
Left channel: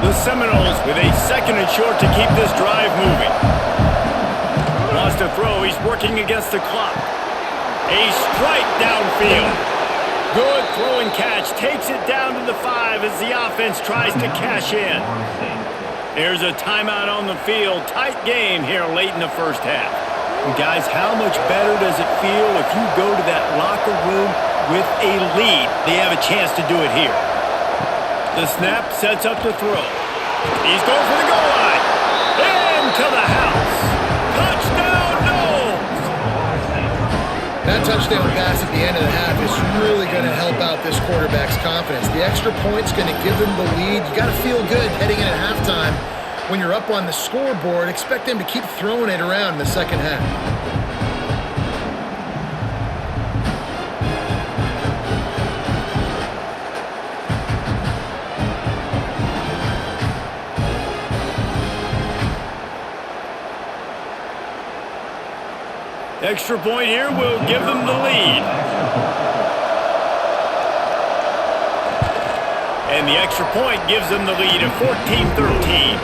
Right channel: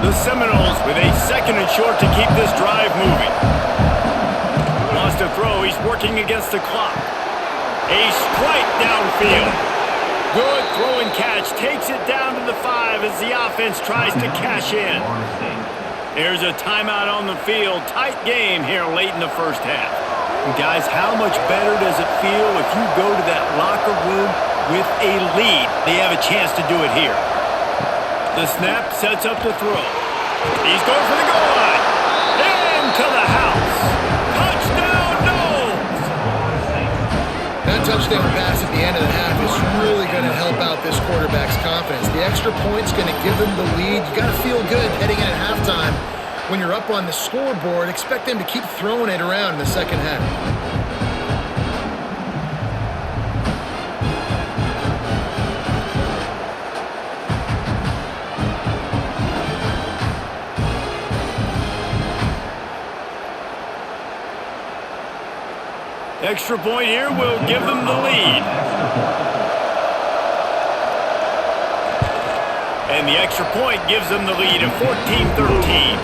The Seminoles with a second and short to keep this drive moving. Wants to throw. He's working against the clock. A strike downfield. Good throw and catch. Takes it down to the 5 as the offense tries to cash in. There's a timeout on the field. Tight game here late in the first half. And guys, how much better does it feel if you go to that locker room with a lead? They have a chance to do it here. The snap sets up to throw. He's going for the goal line. Into the house. Touchdown, Noles! That touchdown pass at the end of the half is really going to help out this quarterback's confidence. The extra point's going to give them the lead. You got to feel good heading in at halftime. When you're up on the scoreboard, expect them to keep throwing it around in the second half. Extra point here will give them the lead. And the extra point gives them the lead at 14-13.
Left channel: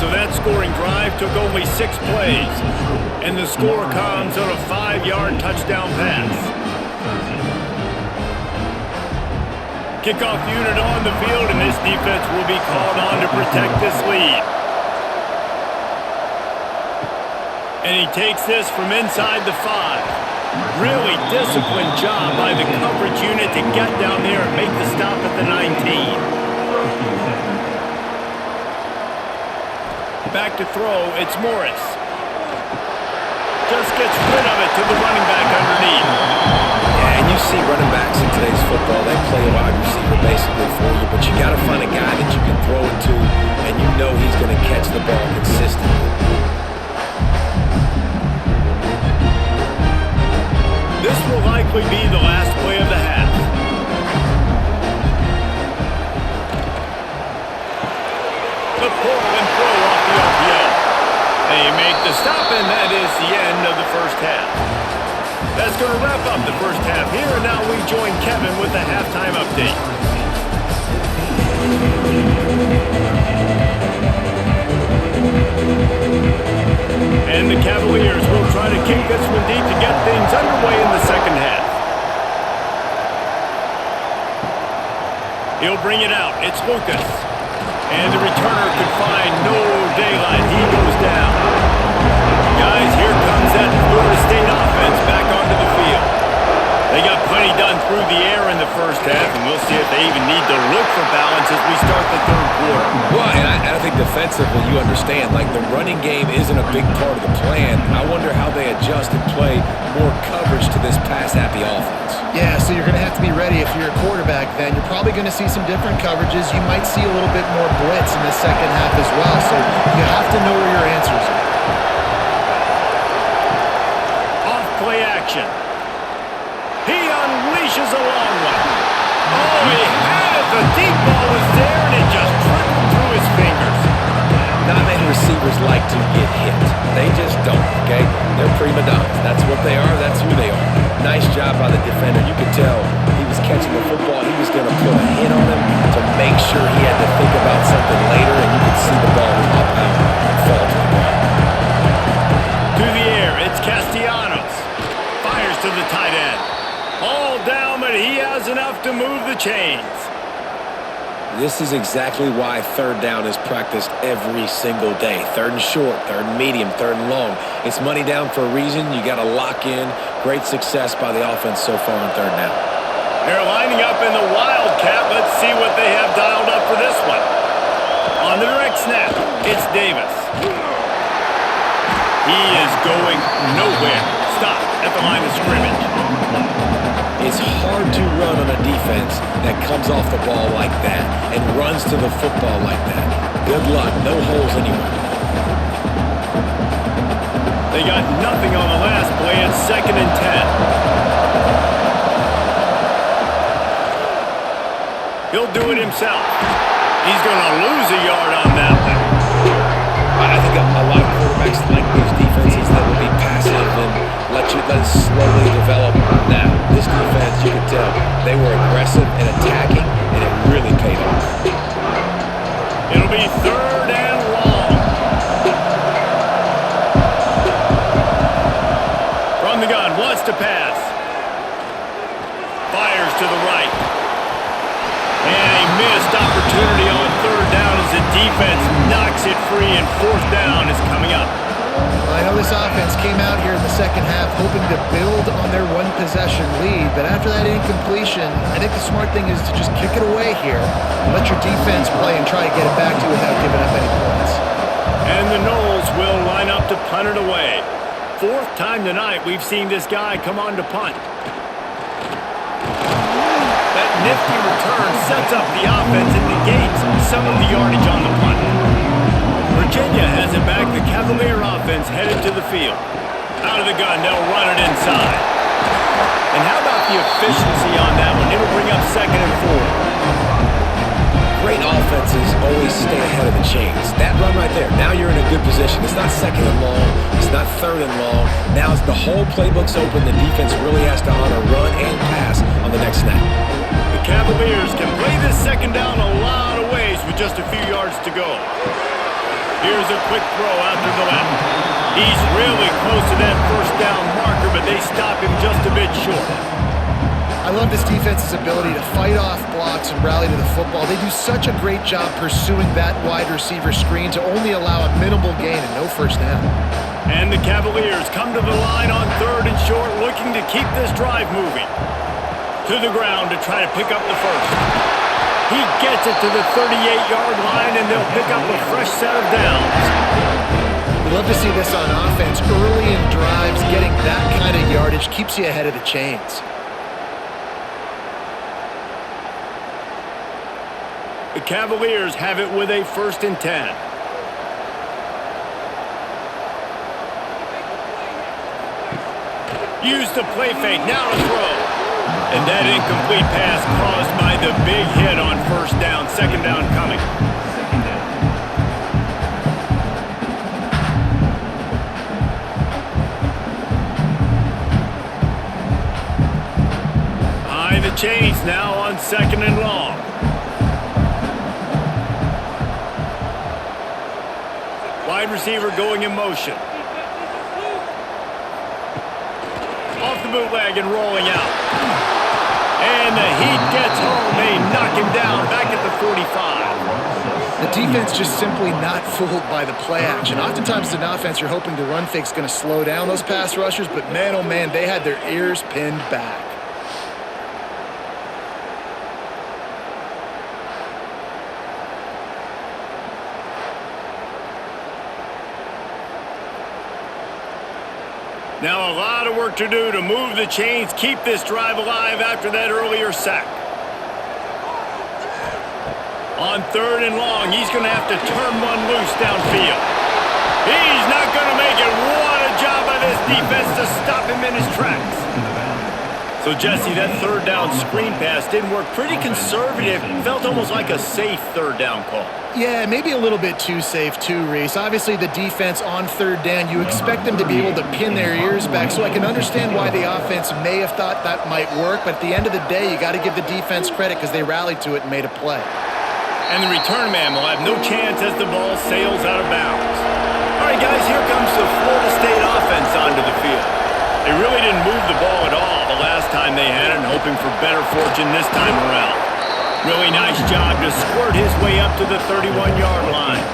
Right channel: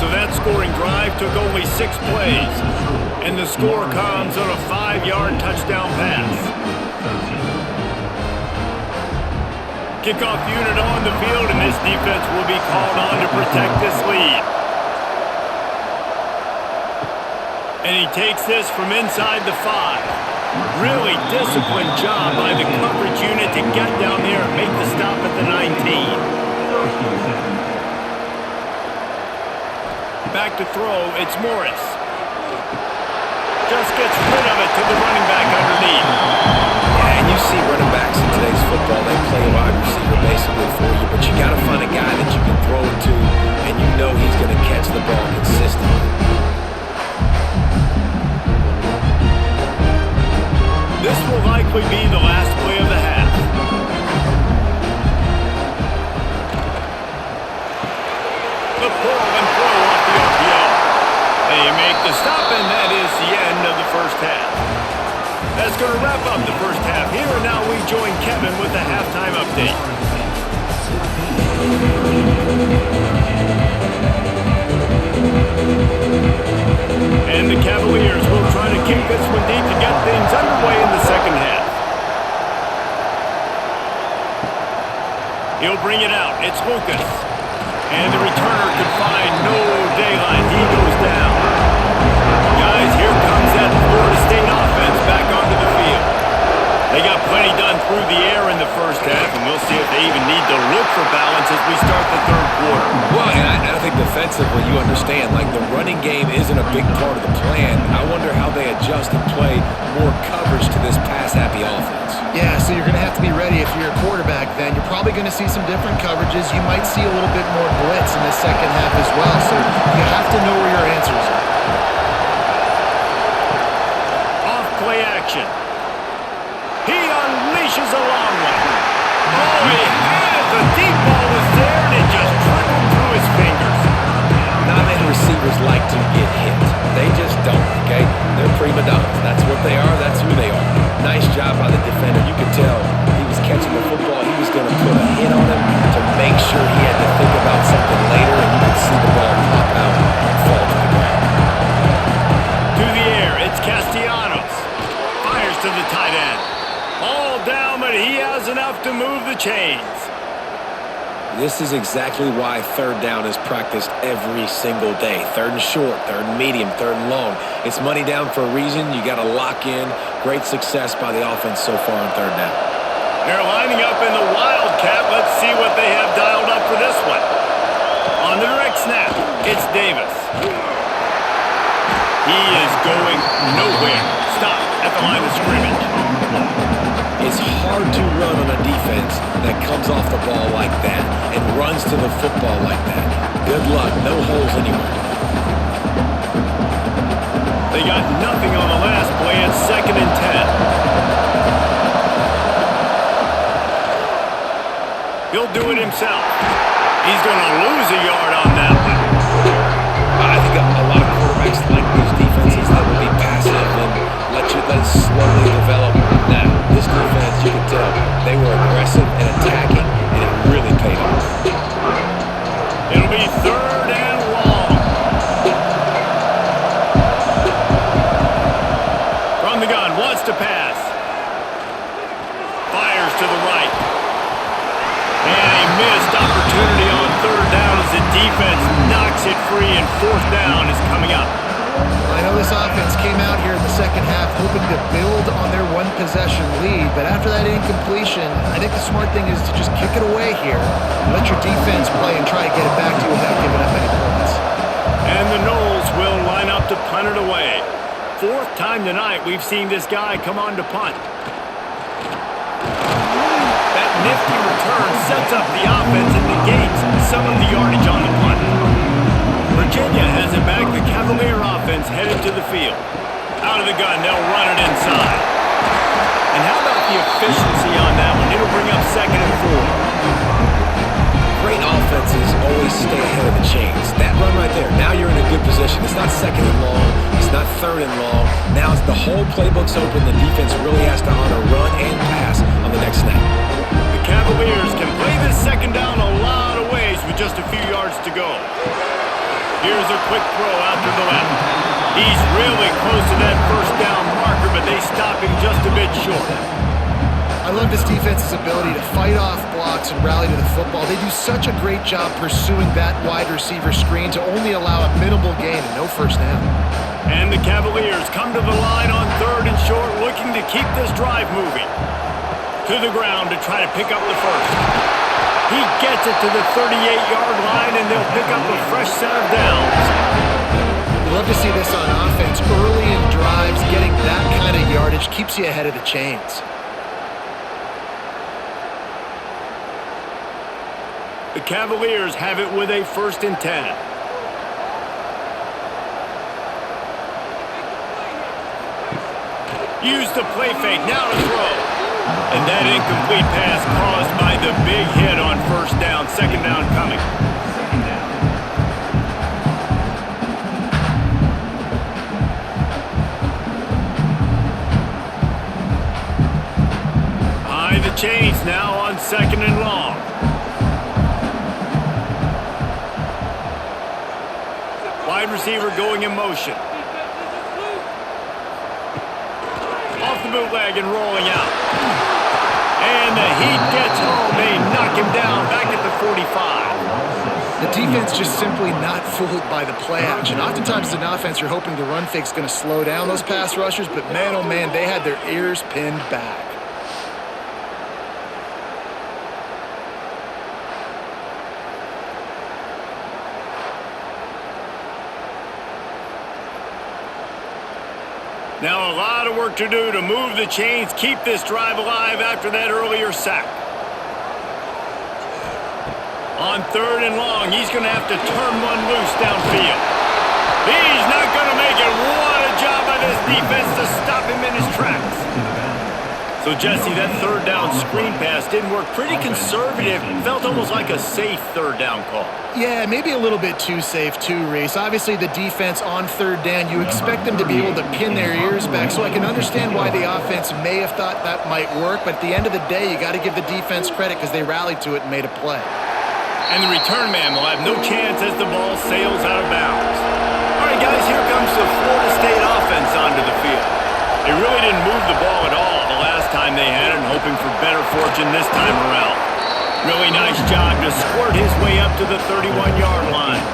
So that scoring drive took only 6 plays, and the score comes on a 5-yard touchdown pass. Kickoff unit on the field, and this defense will be called on to protect this lead. And he takes this from inside the 5. Really disciplined job by the coverage unit to get down there and make the stop at the 19. Back to throw, it's Morris. Just gets rid of it to the running back underneath. Yeah, and you see running backs in today's football, they play a wide receiver basically for you, but you got to find a guy that you can throw it to, and you know he's going to catch the ball consistently. This will likely be the last play of the half. The pull and throw off the RPO. They make the stop, and that is the end of the first half. That's going to wrap up the first half here, and now we join Kevin with the halftime update. And the Cavaliers will try to kick this one deep to get things underway in the second half. He'll bring it out. It's Lucas. And the returner could find no daylight. He goes down. Guys, here comes that Florida State offense back onto the field. They got plenty done through the air in the first half, and we'll see if they even need to look for balance as we start the third quarter. Well, and I think defensively, you understand, like the running game isn't a big part of the plan. I wonder how they adjust and play more coverage to this pass-happy offense. Yeah, so you're going to have to be ready if you're a quarterback then. You're probably going to see some different coverages. You might see a little bit more blitz in the second half as well, so you have to know where your answers are. Off-play action. He unleashes a long one. Oh, he had it. The deep ball was there, and it just trickled through his fingers. Not many receivers like to get hit. They just don't, okay? They're prima donnas. That's what they are. That's who they are. Nice job by the defender. You could tell he was catching the football. He was going to put a hit on him to make sure he had to think about something later, and you could see the ball pop out and fall to the ground. To the air, it's Castellanos. Fires to the tight end. All down, but he has enough to move the chains. This is exactly why third down is practiced every single day. Third and short, third and medium, third and long. It's money down for a reason. You got to lock in. Great success by the offense so far on third down. They're lining up in the Wildcat. Let's see what they have dialed up for this one. On the direct snap, it's Davis. He is going nowhere. Stop at the line of scrimmage. It's hard to run on a defense that comes off the ball like that and runs to the football like that. Good luck. No holes anywhere. They got nothing on the last play. It's 2nd and 10. He'll do it himself. He's going to lose a yard on that one. I think a lot of quarterbacks like these defenses that will be passive and let it slowly develop. Nah, this defense, you can tell, they were aggressive and attacking, and it really paid off. It'll be 3rd and long. From the gun, wants to pass. Fires to the right. And a missed opportunity on 3rd down as the defense knocks it free, and 4th down is coming up. Well, I know this offense came out here in the second half hoping to build on their one-possession lead, but after that incompletion, I think the smart thing is to just kick it away here and let your defense play and try to get it back to you without giving up any points. And the Noles will line up to punt it away. 4th time tonight we've seen this guy come on to punt. That nifty return sets up the offense and negates some of the yardage on the punt. Virginia has it back. The Cavalier offense headed to the field. Out of the gun, they'll run it inside. And how about the efficiency on that one? It'll bring up 2nd and 4. Great offenses always stay ahead of the chains. That run right there, now you're in a good position. It's not 2nd and long. It's not 3rd and long. Now it's the whole playbook's open. The defense really has to honor run and pass on the next snap. The Cavaliers can play this 2nd down a lot of ways with just a few yards to go. Here's a quick throw out to the left. He's really close to that first down marker, but they stop him just a bit short. I love this defense's ability to fight off blocks and rally to the football. They do such a great job pursuing that wide receiver screen to only allow a minimal gain and no first down. And the Cavaliers come to the line on 3rd and short, looking to keep this drive moving. To the ground to try to pick up the first. He gets it to the 38-yard line, and they'll pick up a fresh set of downs. You love to see this on offense. Early in drives, getting that kind of yardage keeps you ahead of the chains. The Cavaliers have it with a 1st and 10. Use the play fake, now to throw. And that incomplete pass caused by the big hit on 1st down. 2nd down coming. 2nd down. Behind the chains now on 2nd and long. Wide receiver going in motion. Off the bootleg and rolling out. And the Heat gets home. They knock him down back at the 45. The defense just simply not fooled by the play action. Oftentimes as an offense, you're hoping the run fake's going to slow down those pass rushers, but man, oh man, they had their ears pinned back. Now a lot of work to do to move the chains, keep this drive alive after that earlier sack. On 3rd and long, he's going to have to turn one loose downfield. He's not going to make it. What a job by this defense to stop him in his tracks. So, Jesse, that 3rd down screen pass didn't work. Pretty conservative. Felt almost like a safe 3rd down call. Yeah, maybe a little bit too safe too, Reese. Obviously, the defense on 3rd down, you expect them to be able to pin their ears back, so I can understand why the offense may have thought that might work, but at the end of the day, you got to give the defense credit because they rallied to it and made a play. And the return man will have no chance as the ball sails out of bounds. All right, guys, here comes the Florida State offense onto the field. They really didn't move the ball at all the last time they had it, and hoping for better fortune this time around. Really nice job to squirt his way up to the 31-yard line.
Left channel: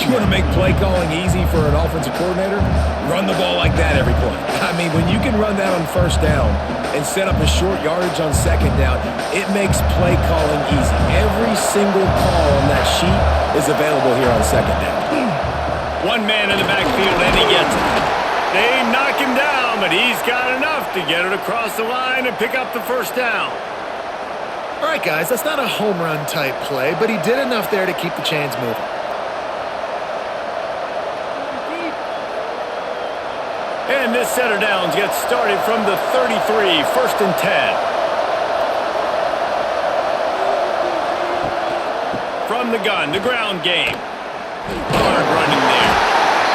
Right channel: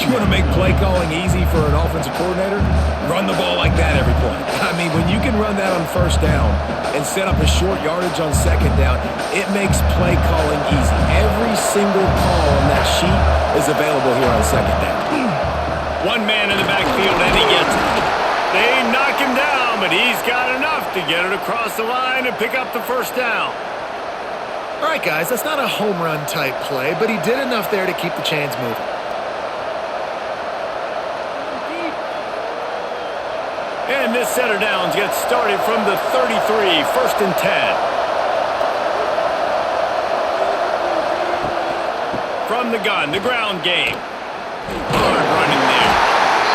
You want to make play calling easy for an offensive coordinator? Run the ball like that every play. I mean, when you can run that on 1st down and set up a short yardage on 2nd down, it makes play calling easy. Every single call on that sheet is available here on 2nd down. One man in the backfield, and he gets it. They knock him down, but he's got enough to get it across the line and pick up the 1st down. All right, guys, that's not a home run type play, but he did enough there to keep the chains moving. And this set of downs gets started from the 33, 1st and 10. From the gun, the ground game. Hard running there.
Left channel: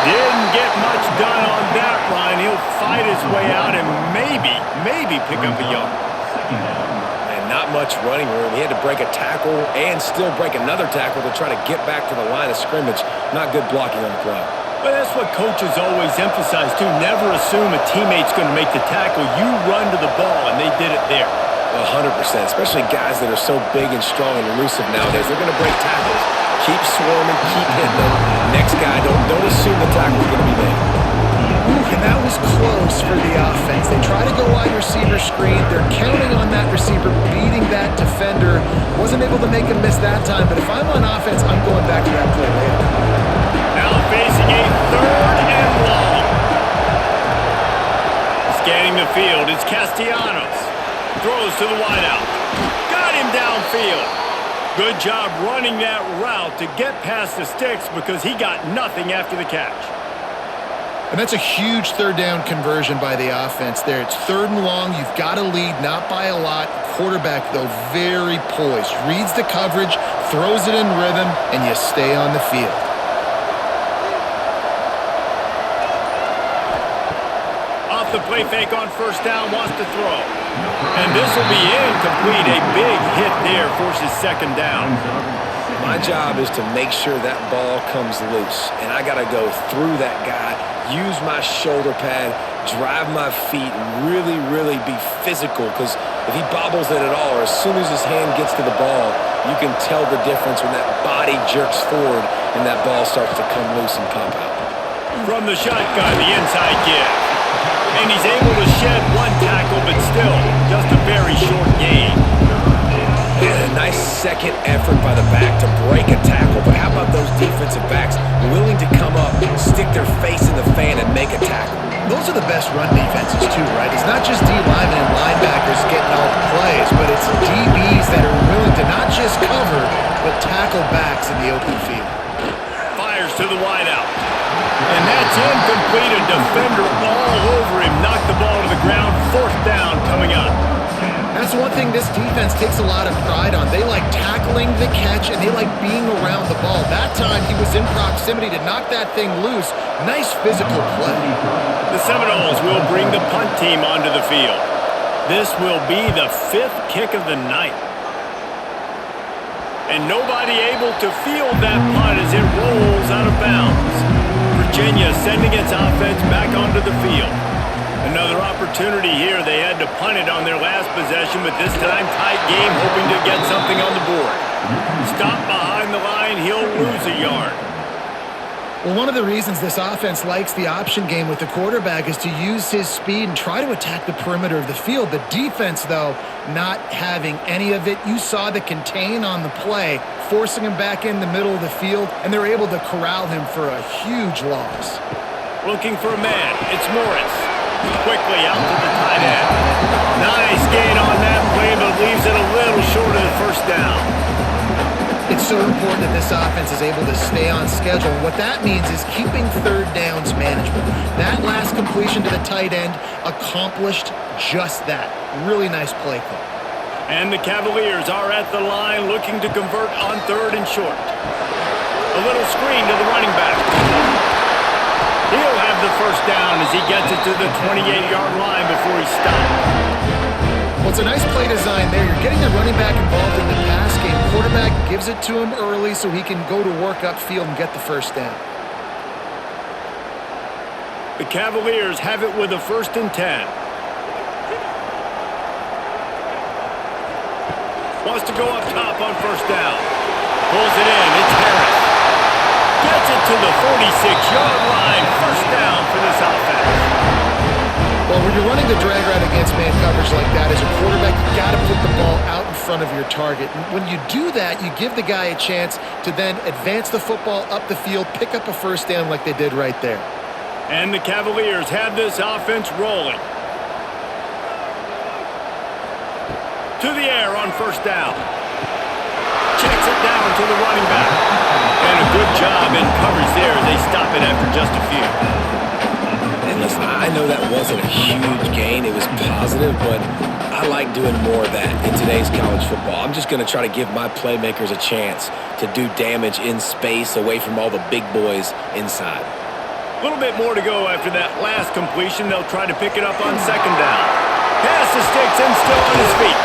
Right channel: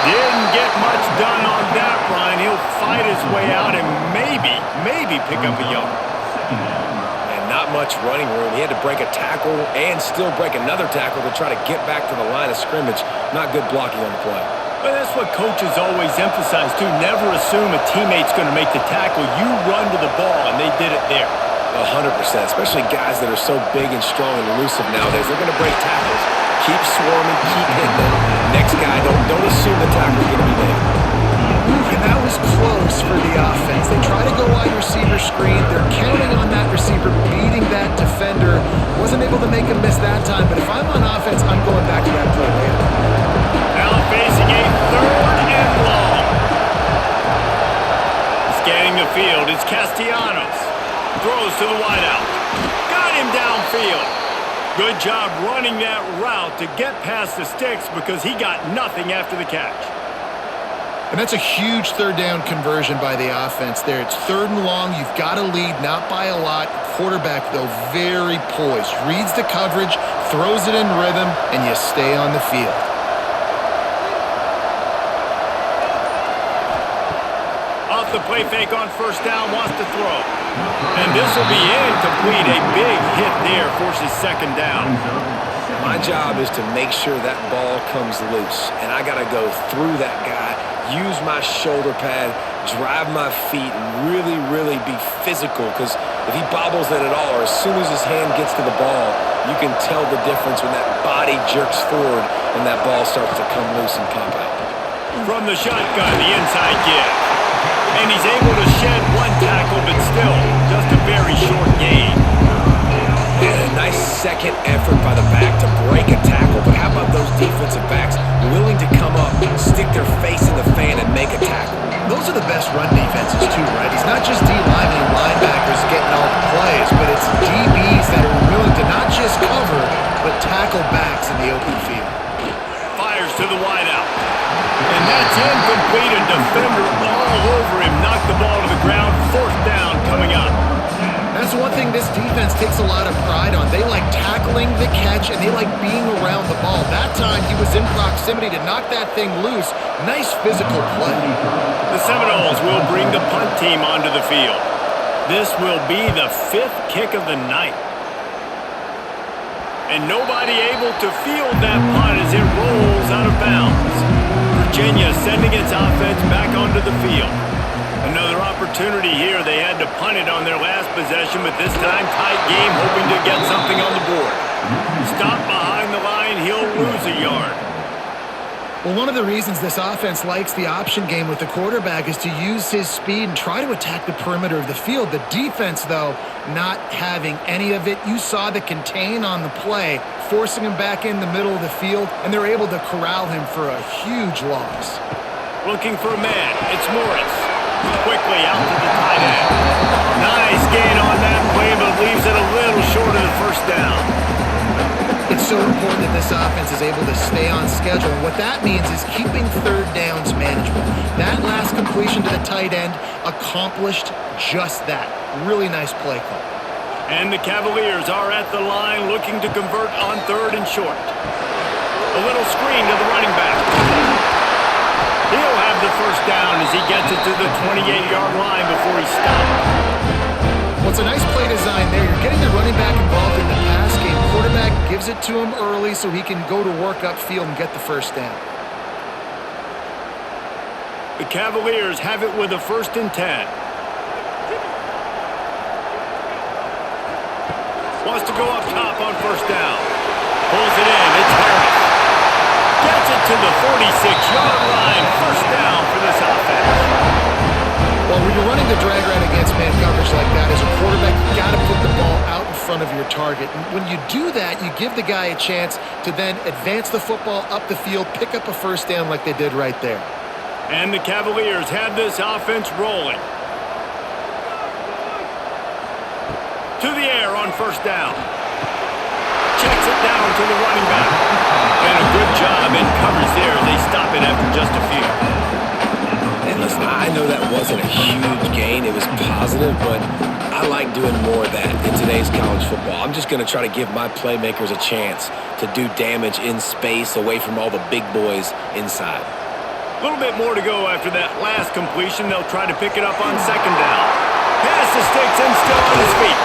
Didn't get much done on that run. He'll fight his way out and maybe pick up a yard. 2nd down. Man, not much running room. He had to break a tackle and still break another tackle to try to get back to the line of scrimmage. Not good blocking on the play. But that's what coaches always emphasize, too. Never assume a teammate's going to make the tackle. You run to the ball, and they did it there. 100%, especially guys that are so big and strong and elusive nowadays. They're going to break tackles. Keep swarming, keep hitting them. Next guy, don't assume the tackle's going to be made. And that was close for the offense. They try to go wide receiver screen. They're counting on that receiver beating that defender. Wasn't able to make him miss that time, but if I'm on offense, I'm going back to that play later. Now facing a 3rd and long. Scanning the field, it's Castellanos. Throws to the wideout. Got him downfield. Good job running that route to get past the sticks because he got nothing after the catch. And that's a huge 3rd down conversion by the offense there. It's 3rd and long. You've got to lead, not by a lot. Quarterback, though, very poised. Reads the coverage, throws it in rhythm, and you stay on the field. off the play fake on first down, wants to throw. And this will be incomplete. A big hit there forces second down. My job is to make sure that ball comes loose, and I got to go through that guy, use my shoulder pad, drive my feet, and really, really be physical, because if he bobbles it at all, or as soon as his hand gets to the ball, you can tell the difference when that body jerks forward and that ball starts to come loose and pop out. From the shotgun, the inside give. And he's able to shed one tackle, but still, just a very short gain. And a nice second effort by the back to break a tackle. But how about those defensive backs willing to come up, stick their face in the fan, and make a tackle? Those are the best run defenses too, right? It's not just D linemen and linebackers getting all the plays, but it's DBs that are willing to not just cover, but tackle backs in the open field. Fires to the wideout. And that's incomplete. A defender all over him. Knocked the ball to the ground. Fourth down coming up. That's one thing this defense takes a lot of pride on. They like tackling the catch, and they like being around the ball. That time, he was in proximity to knock that thing loose. Nice physical play. The Seminoles will bring the punt team onto the field. This will be the fifth kick of the night. And nobody able to field that punt as it rolls out of bounds. Virginia sending its offense back onto the field. Another opportunity here. They had to punt it on their last possession, but this time tight game, hoping to get something on the board. Stop behind the line, he'll lose a yard. Well, one of the reasons this offense likes the option game with the quarterback is to use his speed and try to attack the perimeter of the field. The defense, though, not having any of it. You saw the contain on the play, forcing him back in the middle of the field, and they're able to corral him for a huge loss. Looking for a man. It's Morris. Quickly out to the tight end. Nice gain on that play, but leaves it a little short of the first down. It's so important that this offense is able to stay on schedule. And what that means is keeping third downs manageable. That last completion to the tight end accomplished just that. Really nice play call. And the Cavaliers are at the line looking to convert on third and short. A little screen to the running back. He'll have the first down as he gets it to the 28-yard line before he's stopped. Well, it's a nice play design there. You're getting the running back involved in the pass game. Quarterback gives it to him early so he can go to work upfield and get the first down. The Cavaliers have it with a 1st and 10. Wants to go up top on first down. Pulls it in. It's Harris. Gets it to the 46-yard line. First down for this offense. Well, when you're running the drag route against man coverage like that, as a quarterback, you got to put the ball out in front of your target. And when you do that, you give the guy a chance to then advance the football up the field, pick up a first down like they did right there. And the Cavaliers have this offense rolling. To the air on first down. Checks it down to the running back. And a good job in coverage there as they stop it after just a few. And listen, I know that wasn't a huge gain. It was positive, but I like doing more of that in today's college football. I'm just going to try to give my playmakers a chance to do damage in space away from all the big boys inside. A little bit more to go after that last completion. They'll try to pick it up on second down. Pass to Sticks and still on his feet.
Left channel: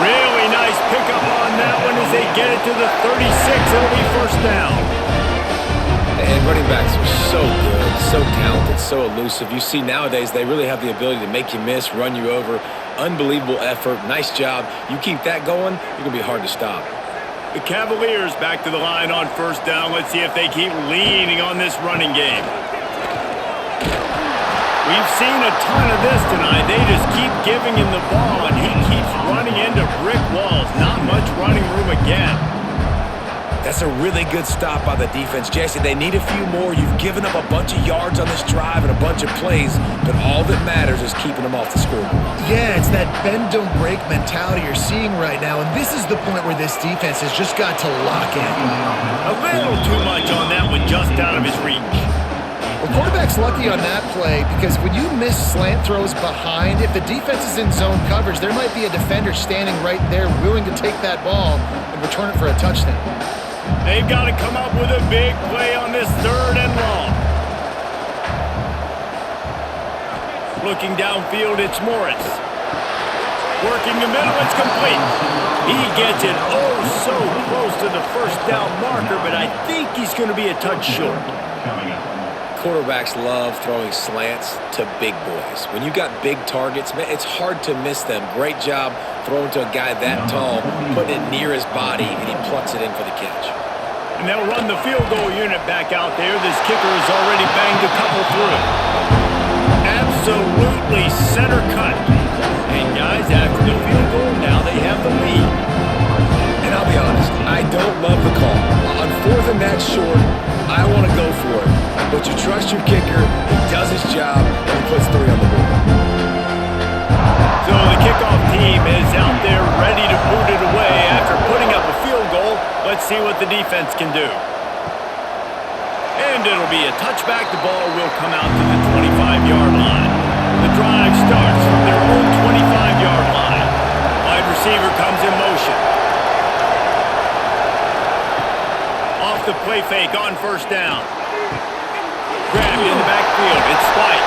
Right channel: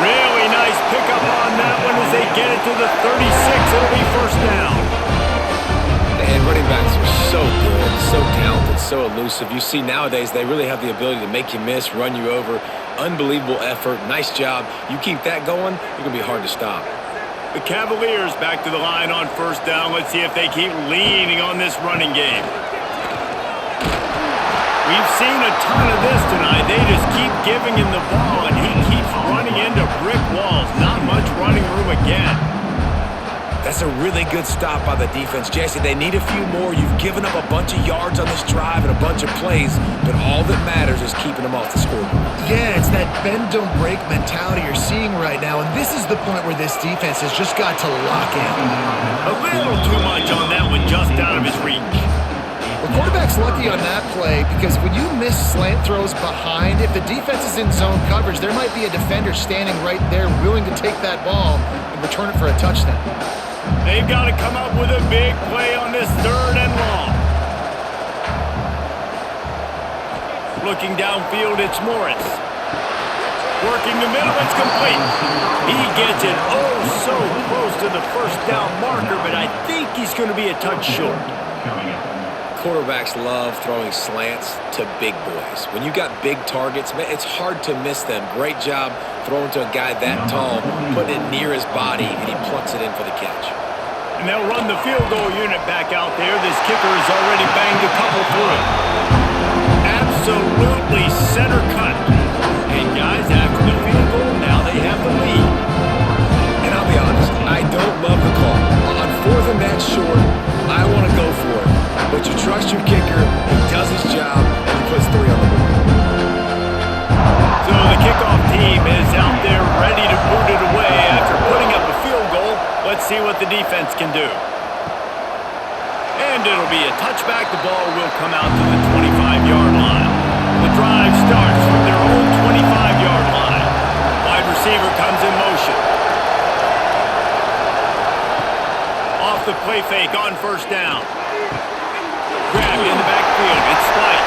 Really nice pickup on that one as they get it to the 36. It'll be first down. And running backs are so good, so talented, so elusive. You see nowadays they really have the ability to make you miss, run you over. Unbelievable effort. Nice job. You keep that going, you're going to be hard to stop. The Cavaliers back to the line on first down. Let's see if they keep leaning on this running game. We've seen a ton of this tonight. They just keep giving him the ball, and he keeps running into brick walls. Not much running room again. That's a really good stop by the defense. Jesse, they need a few more. You've given up a bunch of yards on this drive and a bunch of plays, but all that matters is keeping them off the scoreboard. Yeah, it's that bend, don't break mentality you're seeing right now, and this is the point where this defense has just got to lock in. A little too much on that one, just out of his reach. Well, quarterback's lucky on that play because when you miss slant throws behind, if the defense is in zone coverage, there might be a defender standing right there willing to take that ball and return it for a touchdown. They've got to come up with a big play on this 3rd and long. Looking downfield, it's Morris. Working the middle, it's complete. He gets it oh so close to the first down marker, but I think he's going to be a touch short. Coming up. Quarterbacks love throwing slants to big boys. When you got big targets, man, it's hard to miss them. Great job throwing to a guy that tall, putting it near his body, and he plucks it in for the catch. And they'll run the field goal unit back out there. This kicker has already banged a couple through. Absolutely center cut. And guys, after the field goal, now they have the lead. And I'll be honest, I don't love the call. On 4th and that short, I want to go for it. But you trust your kicker, he does his job, and he puts 3 on the board. So the kickoff team is out there ready to boot it away after putting up a field goal. Let's see what the defense can do. And it'll be a touchback. The ball will come out to the 25-yard line. The drive starts from their own 25-yard line. Wide receiver comes in motion. Off the play fake on first down. Grabbed in the backfield. It's Spike.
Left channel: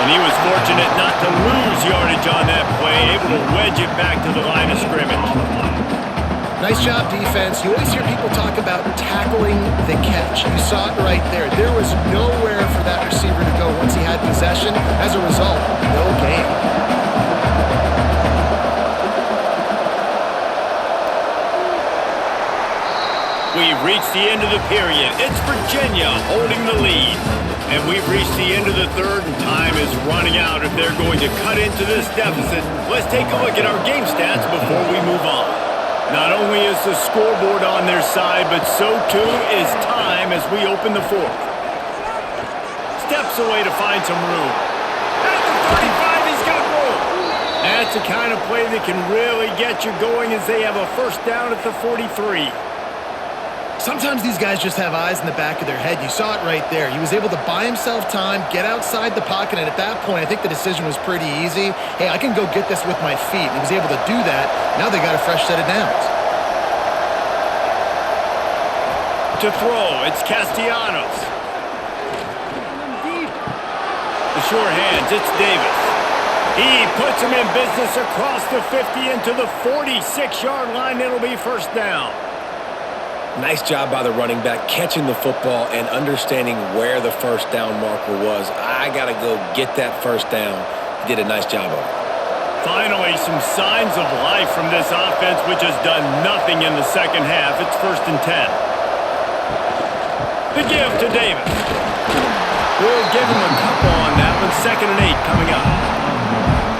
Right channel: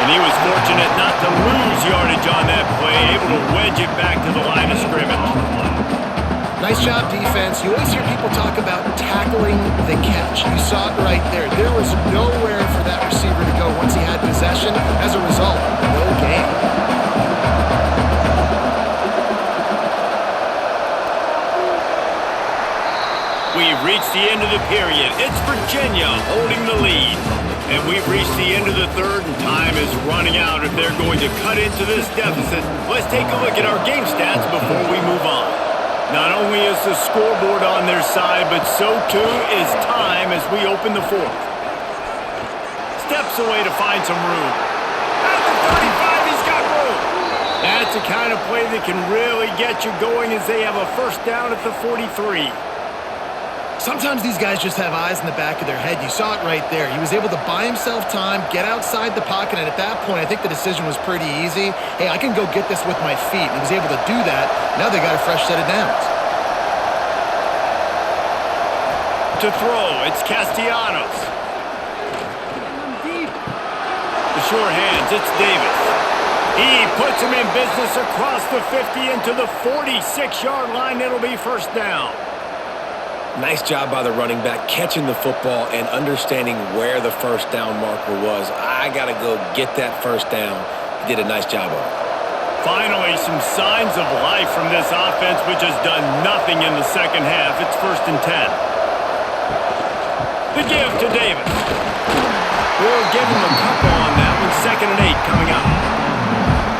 And he was fortunate not to lose yardage on that play, able to wedge it back to the line of scrimmage. Nice job, defense. You always hear people talk about tackling the catch. You saw it right there. There was nowhere for that receiver to go once he had possession. As a result, no gain. We've reached the end of the period. It's Virginia holding the lead. And we've reached the end of the third, and time is running out if they're going to cut into this deficit. Let's take a look at our game stats before we move on. Not only is the scoreboard on their side, but so too is time as we open the fourth. Steps away to find some room. At the 35, he's got room. That's the kind of play that can really get you going as they have a first down at the 43. Sometimes these guys just have eyes in the back of their head. You saw it right there. He was able to buy himself time, get outside the pocket, and at that point, I think the decision was pretty easy. Hey, I can go get this with my feet. And he was able to do that. Now they got a fresh set of downs. To throw, it's Castellanos. The sure hands, it's Davis. He puts him in business across the 50 into the 46-yard line. It'll be first down. Nice job by the running back, catching the football and understanding where the first down marker was. I got to go get that first down. He did a nice job of it. Finally, some signs of life from this offense, which has done nothing in the second half. It's 1st and 10. The give to Davis. We'll give him a couple on that one. 2nd and 8 coming up.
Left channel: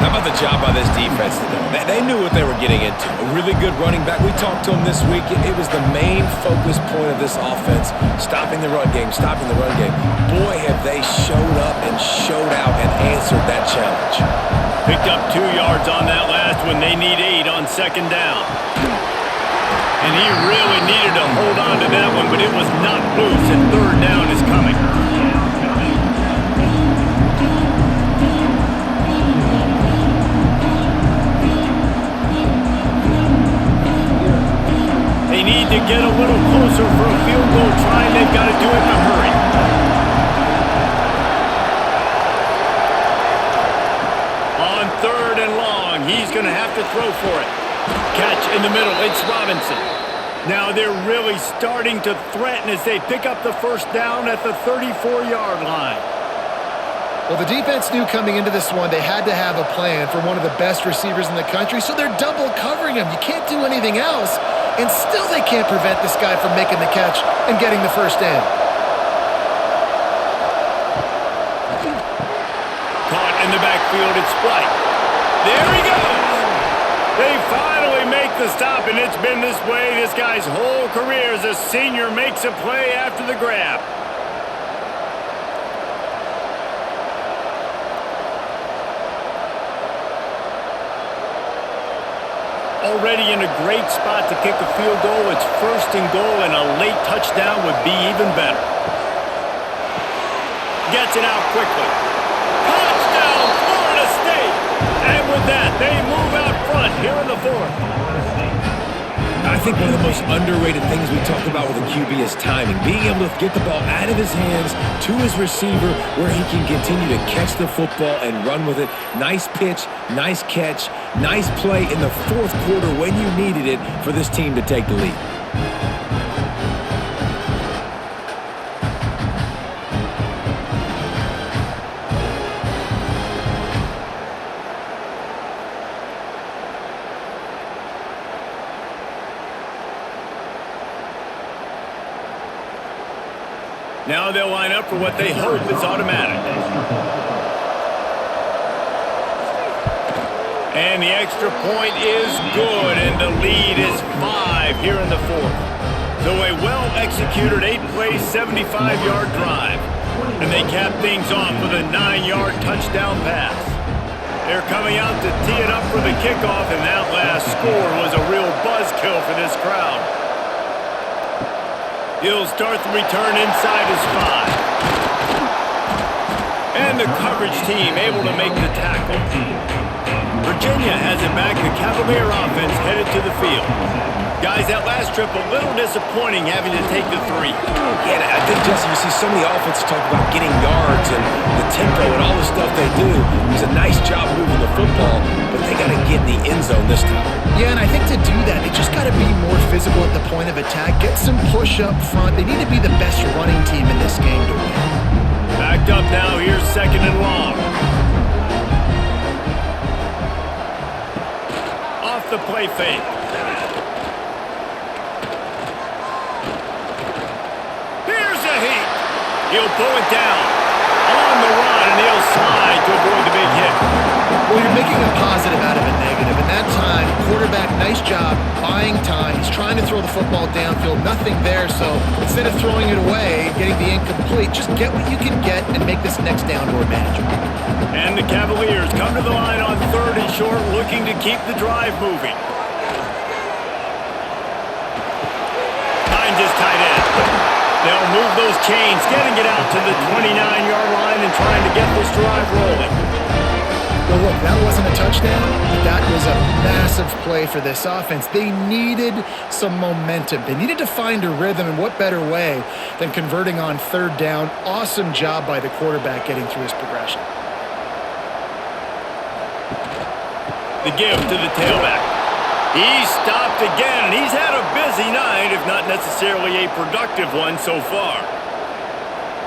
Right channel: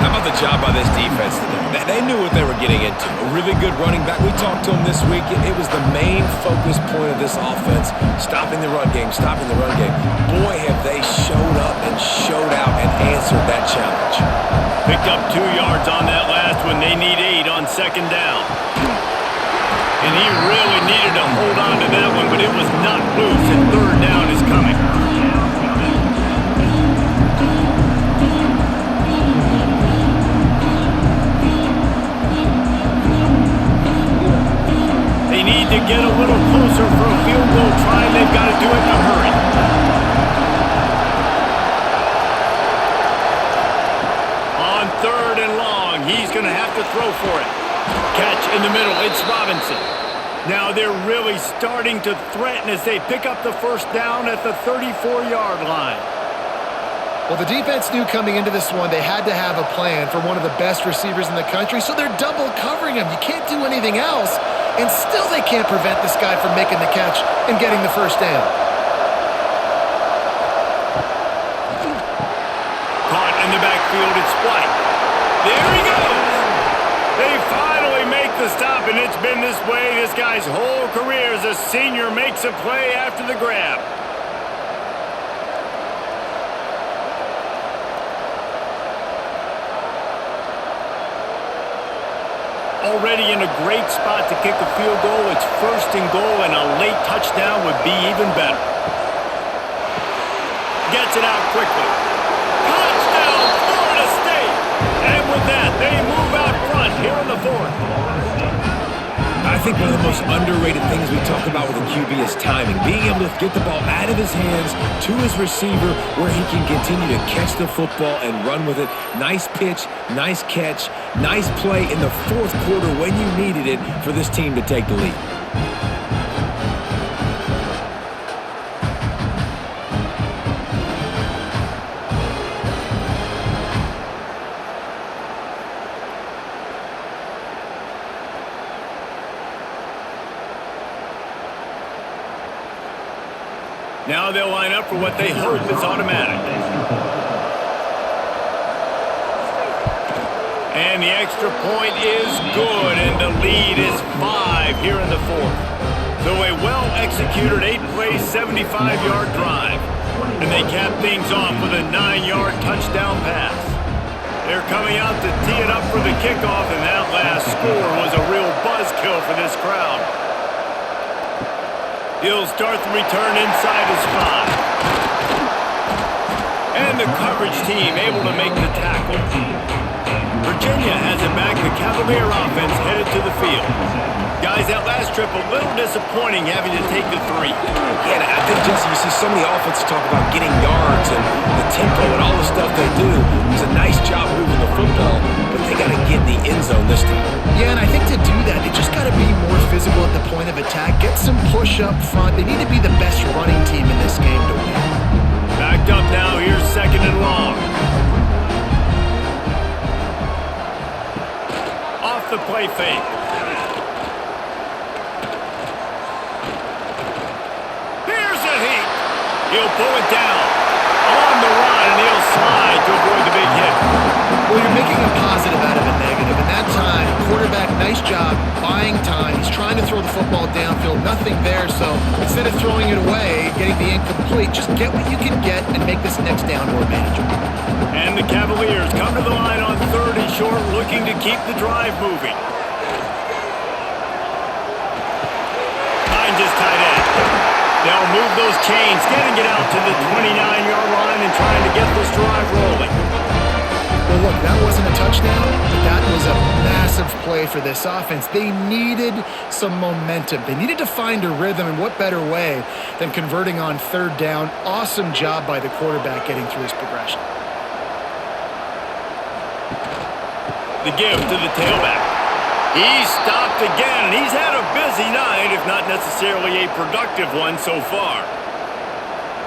How about the job by this defense today? They knew what they were getting into. A really good running back. We talked to him this week. It was the main focus point of this offense, stopping the run game, stopping the run game. Boy, have they showed up and showed out and answered that challenge. Picked up 2 yards on that last one. They need 8 on 2nd down. And he really needed to hold on to that one, but it was not loose, and 3rd down is coming. They need to get a little closer for a field goal try, and they've got to do it in a hurry. On 3rd and long, he's going to have to throw for it. Catch in the middle, it's Robinson. Now they're really starting to threaten as they pick up the first down at the 34-yard line. Well, the defense knew coming into this one they had to have a plan for one of the best receivers in the country, so they're double covering him. You can't do anything else, and still they can't prevent this guy from making the catch and getting the first down. Caught in the backfield, it's White. There he goes! They finally make the stop, and it's been this way this guy's whole career as a senior makes a play after the grab. Already in a great spot to kick a field goal. It's 1st and goal, and a late touchdown would be even better. Gets it out quickly. Touchdown, Florida State! And with that, they move out front here in the 4th. I think one of the most underrated things we talk about with a QB is timing. Being able to get the ball out of his hands to his receiver where he can continue to catch the football and run with it. Nice pitch, nice catch, nice play in the fourth quarter when you needed it for this team to take the lead. Now they'll line up for what they hope is automatic. And the extra point is good, and the lead is 5 here in the fourth. So a well-executed 8-play, 75-yard drive. And they cap things off with a 9-yard touchdown pass. They're coming out to tee it up for the kickoff, and that last score was a real buzzkill for this crowd. He'll start the return inside his 5. And the coverage team able to make the tackle. Virginia has it back. The Cavalier offense headed to the field. Guys, that last trip a little disappointing having to take the 3. Yeah, and I think, Jesse, you see so many offenses talk about getting yards and the tempo and all the stuff they do. It's a nice job moving the football, but they got to get in the end zone this time. Yeah, and I think to do that, they just got to be more physical at the point of attack, get some push up front. They need to be the best running team in this game to win. Backed up now, here's 2nd and long. Off the play fake. Here's a heat. He'll pull it down. On the run, and he'll slide to avoid the big hit. Well, you're making a positive out of a negative, and that time, quarterback, nice job buying time. He's trying to throw the football downfield, nothing there, so instead of throwing it away, getting the incomplete, just get what you can get and make this next down more manageable. And the Cavaliers come to the line on 3rd and short, looking to keep the drive moving. Finds his tight end. They'll move those chains, getting it out to the 29-yard line and trying to get this drive rolling. Well, look, that wasn't a touchdown, but that was a massive play for this offense. They needed some momentum. They needed to find a rhythm, and what better way than converting on 3rd down. Awesome job by the quarterback getting through his progression. The give to the tailback. He's stopped again, and he's had a busy night, if not necessarily a productive one so far.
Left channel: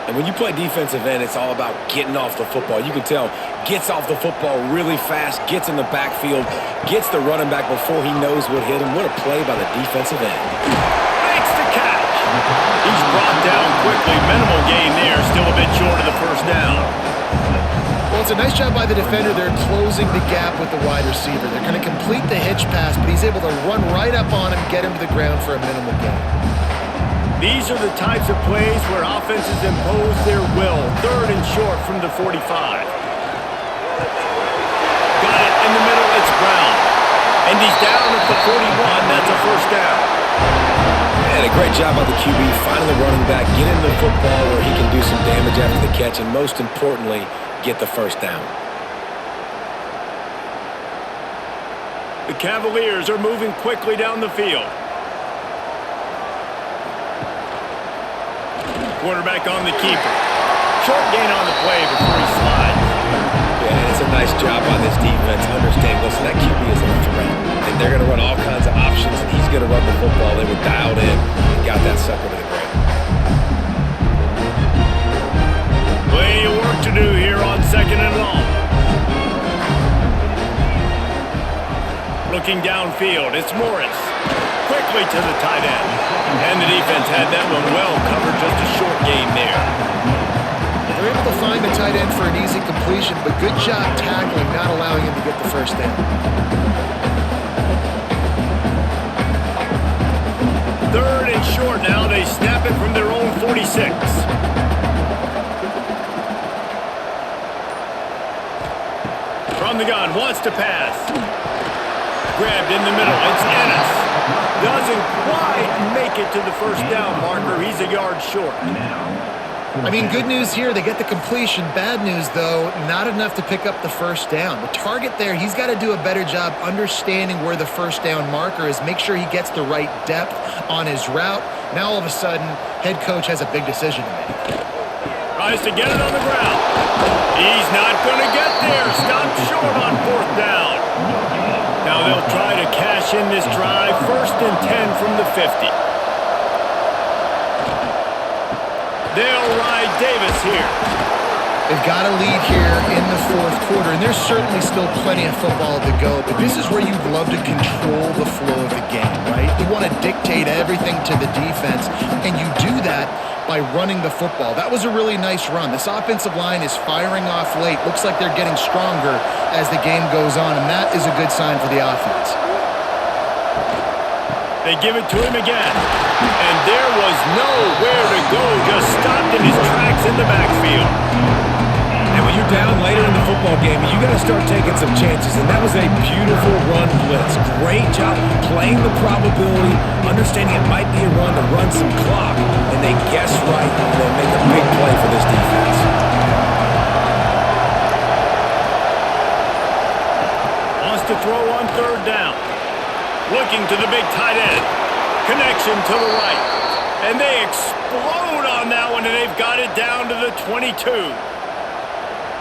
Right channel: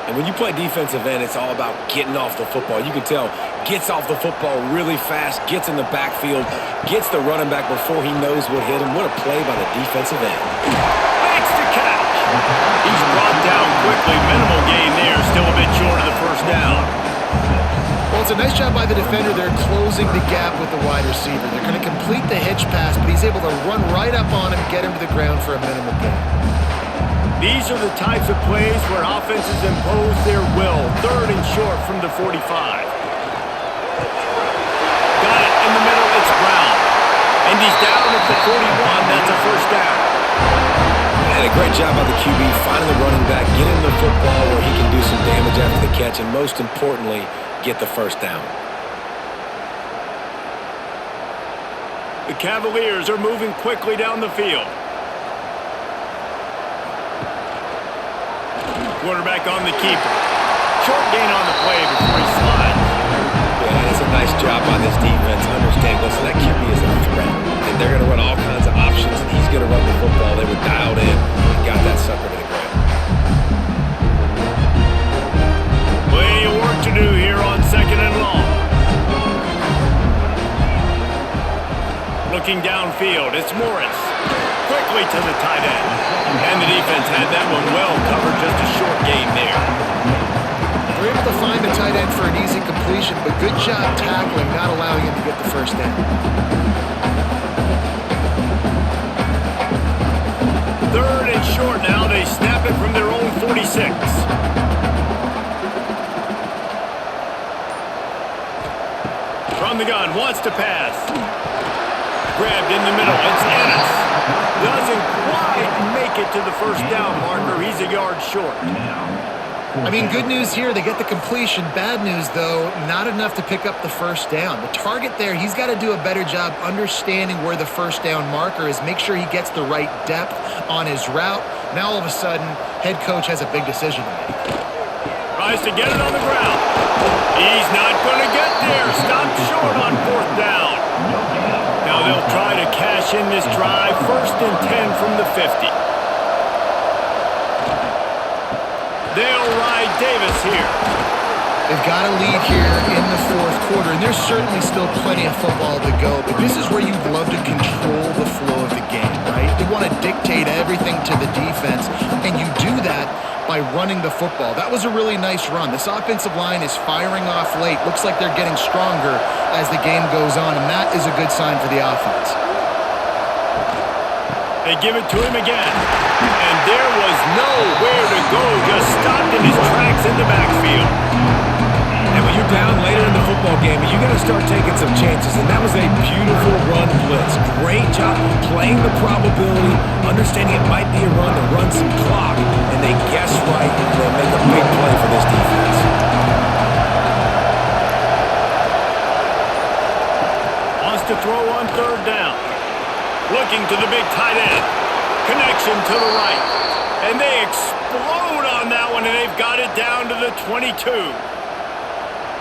And when you play defensive end, it's all about getting off the football. You can tell, gets off the football really fast, gets in the backfield, gets the running back before he knows what hit him. What a play by the defensive end. Makes the catch. He's brought down quickly. Minimal gain there, still a bit short of the 1st down. Well, it's a nice job by the defender. They're closing the gap with the wide receiver. They're going to complete the hitch pass, but he's able to run right up on him, get him to the ground for a minimal gain. These are the types of plays where offenses impose their will. 3rd and short from the 45. Got it in the middle. It's Brown. And he's down at the 41. That's a 1st down. And a great job by the QB finding the running back, get him the football where he can do some damage after the catch, and most importantly, get the 1st down. The Cavaliers are moving quickly down the field. Quarterback on the keeper. Short gain on the play before he slides. Yeah, and it's a nice job by this defense. Understand, listen, that QB is a threat. And they're going to run all kinds of options, and he's going to run the football. They were dialed in and got that sucker to the ground. Plenty of work to do here on 2nd and long. Looking downfield, it's Morris. Quickly to the tight end. And the defense had that one well covered, just a short gain there. They're able to find the tight end for an easy completion, but good job tackling, not allowing him to get the 1st down. 3rd and short now. They snap it from their own 46. From the gun, wants to pass. Grabbed in the middle, it's Ennis. Doesn't quite make it to the 1st down marker. He's a yard short. I mean, good news here, they get the completion. Bad news, though, not enough to pick up the first down. The target there, he's got to do a better job understanding where the first down marker is, make sure he gets the right depth on his route. Now, all of a sudden, head coach has a big decision to make. Tries to get it on the ground. He's not going to get there. Stopped short on 4th down. Now they'll try to cash in this drive. 1st and 10 from the 50. They'll ride Davis here. They've got a lead here in the 4th quarter, and there's certainly still plenty of football to go, but this is where you'd love to control the flow of the game, right? You want to dictate everything to the defense, and you do that by running the football. That was a really nice run. This offensive line is firing off late. Looks like they're getting stronger as the game goes on, and that is a good sign for the offense. They give it to him again, and there was nowhere to go, just stopped in his tracks in the backfield. And when you're down later in the football game, you got to start taking some chances. And that was a beautiful run blitz. Great job playing the probability, understanding it might be a run to run some clock. And they guess right, and they make a big play for this defense. Wants to throw on 3rd down. Looking to the big tight end. Connection to the right. And they explode on that one, and they've got it down to the 22.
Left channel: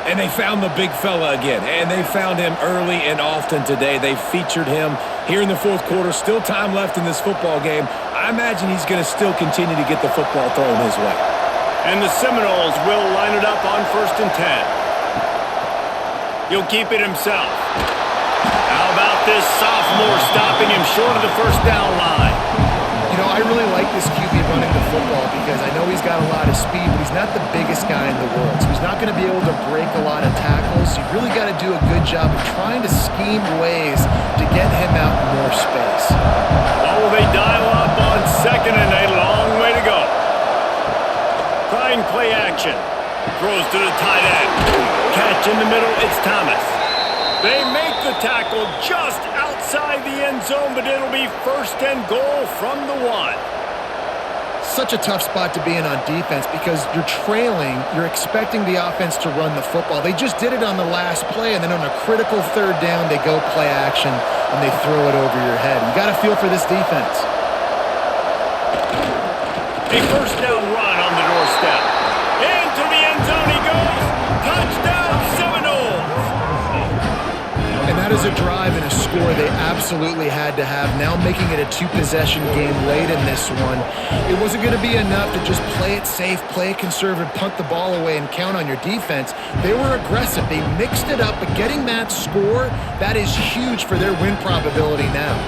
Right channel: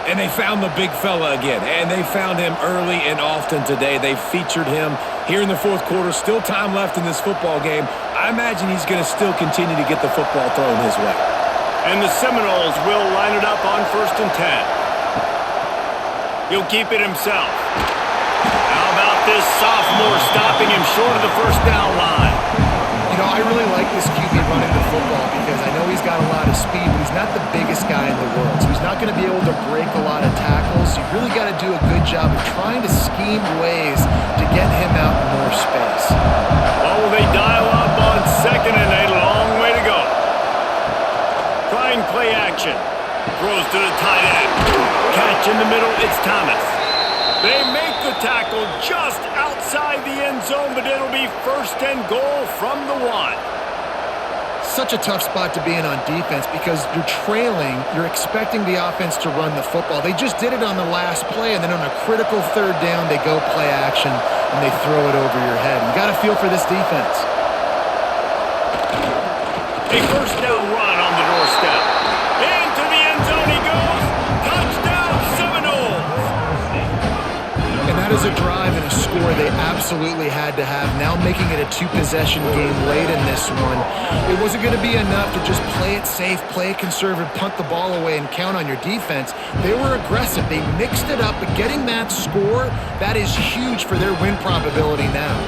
And they found the big fella again, and they found him early and often today. They featured him here in the 4th quarter. Still time left in this football game. I imagine he's going to still continue to get the football thrown his way. And the Seminoles will line it up on 1st and 10. He'll keep it himself. How about this sophomore stopping him short of the 1st down line? You know, I really like this QB running the football because I know he's got a lot of speed, but he's not the biggest guy in the world. So he's not going to be able to break a lot of tackles. You've really got to do a good job of trying to scheme ways to get him out in more space. Well, will they dial up on 2nd and a long way to go? Trying play action. Throws to the tight end. Catch in the middle, it's Thomas. They make the tackle just outside the end zone, but it'll be 1st and goal from the 1. Such a tough spot to be in on defense because you're trailing, you're expecting the offense to run the football. They just did it on the last play, and then on a critical 3rd down, they go play action, and they throw it over your head. You got to feel for this defense. A 1st down run on the doorstep. Into the end zone he goes. Touchdown, Seminoles. And that is a drive and a score they absolutely had to have. Now making it a 2-possession game late in this one. It wasn't going to be enough to just play it safe, play it conservative, punt the ball away, and count on your defense. They were aggressive. They mixed it up, but getting that score, that is huge for their win probability now.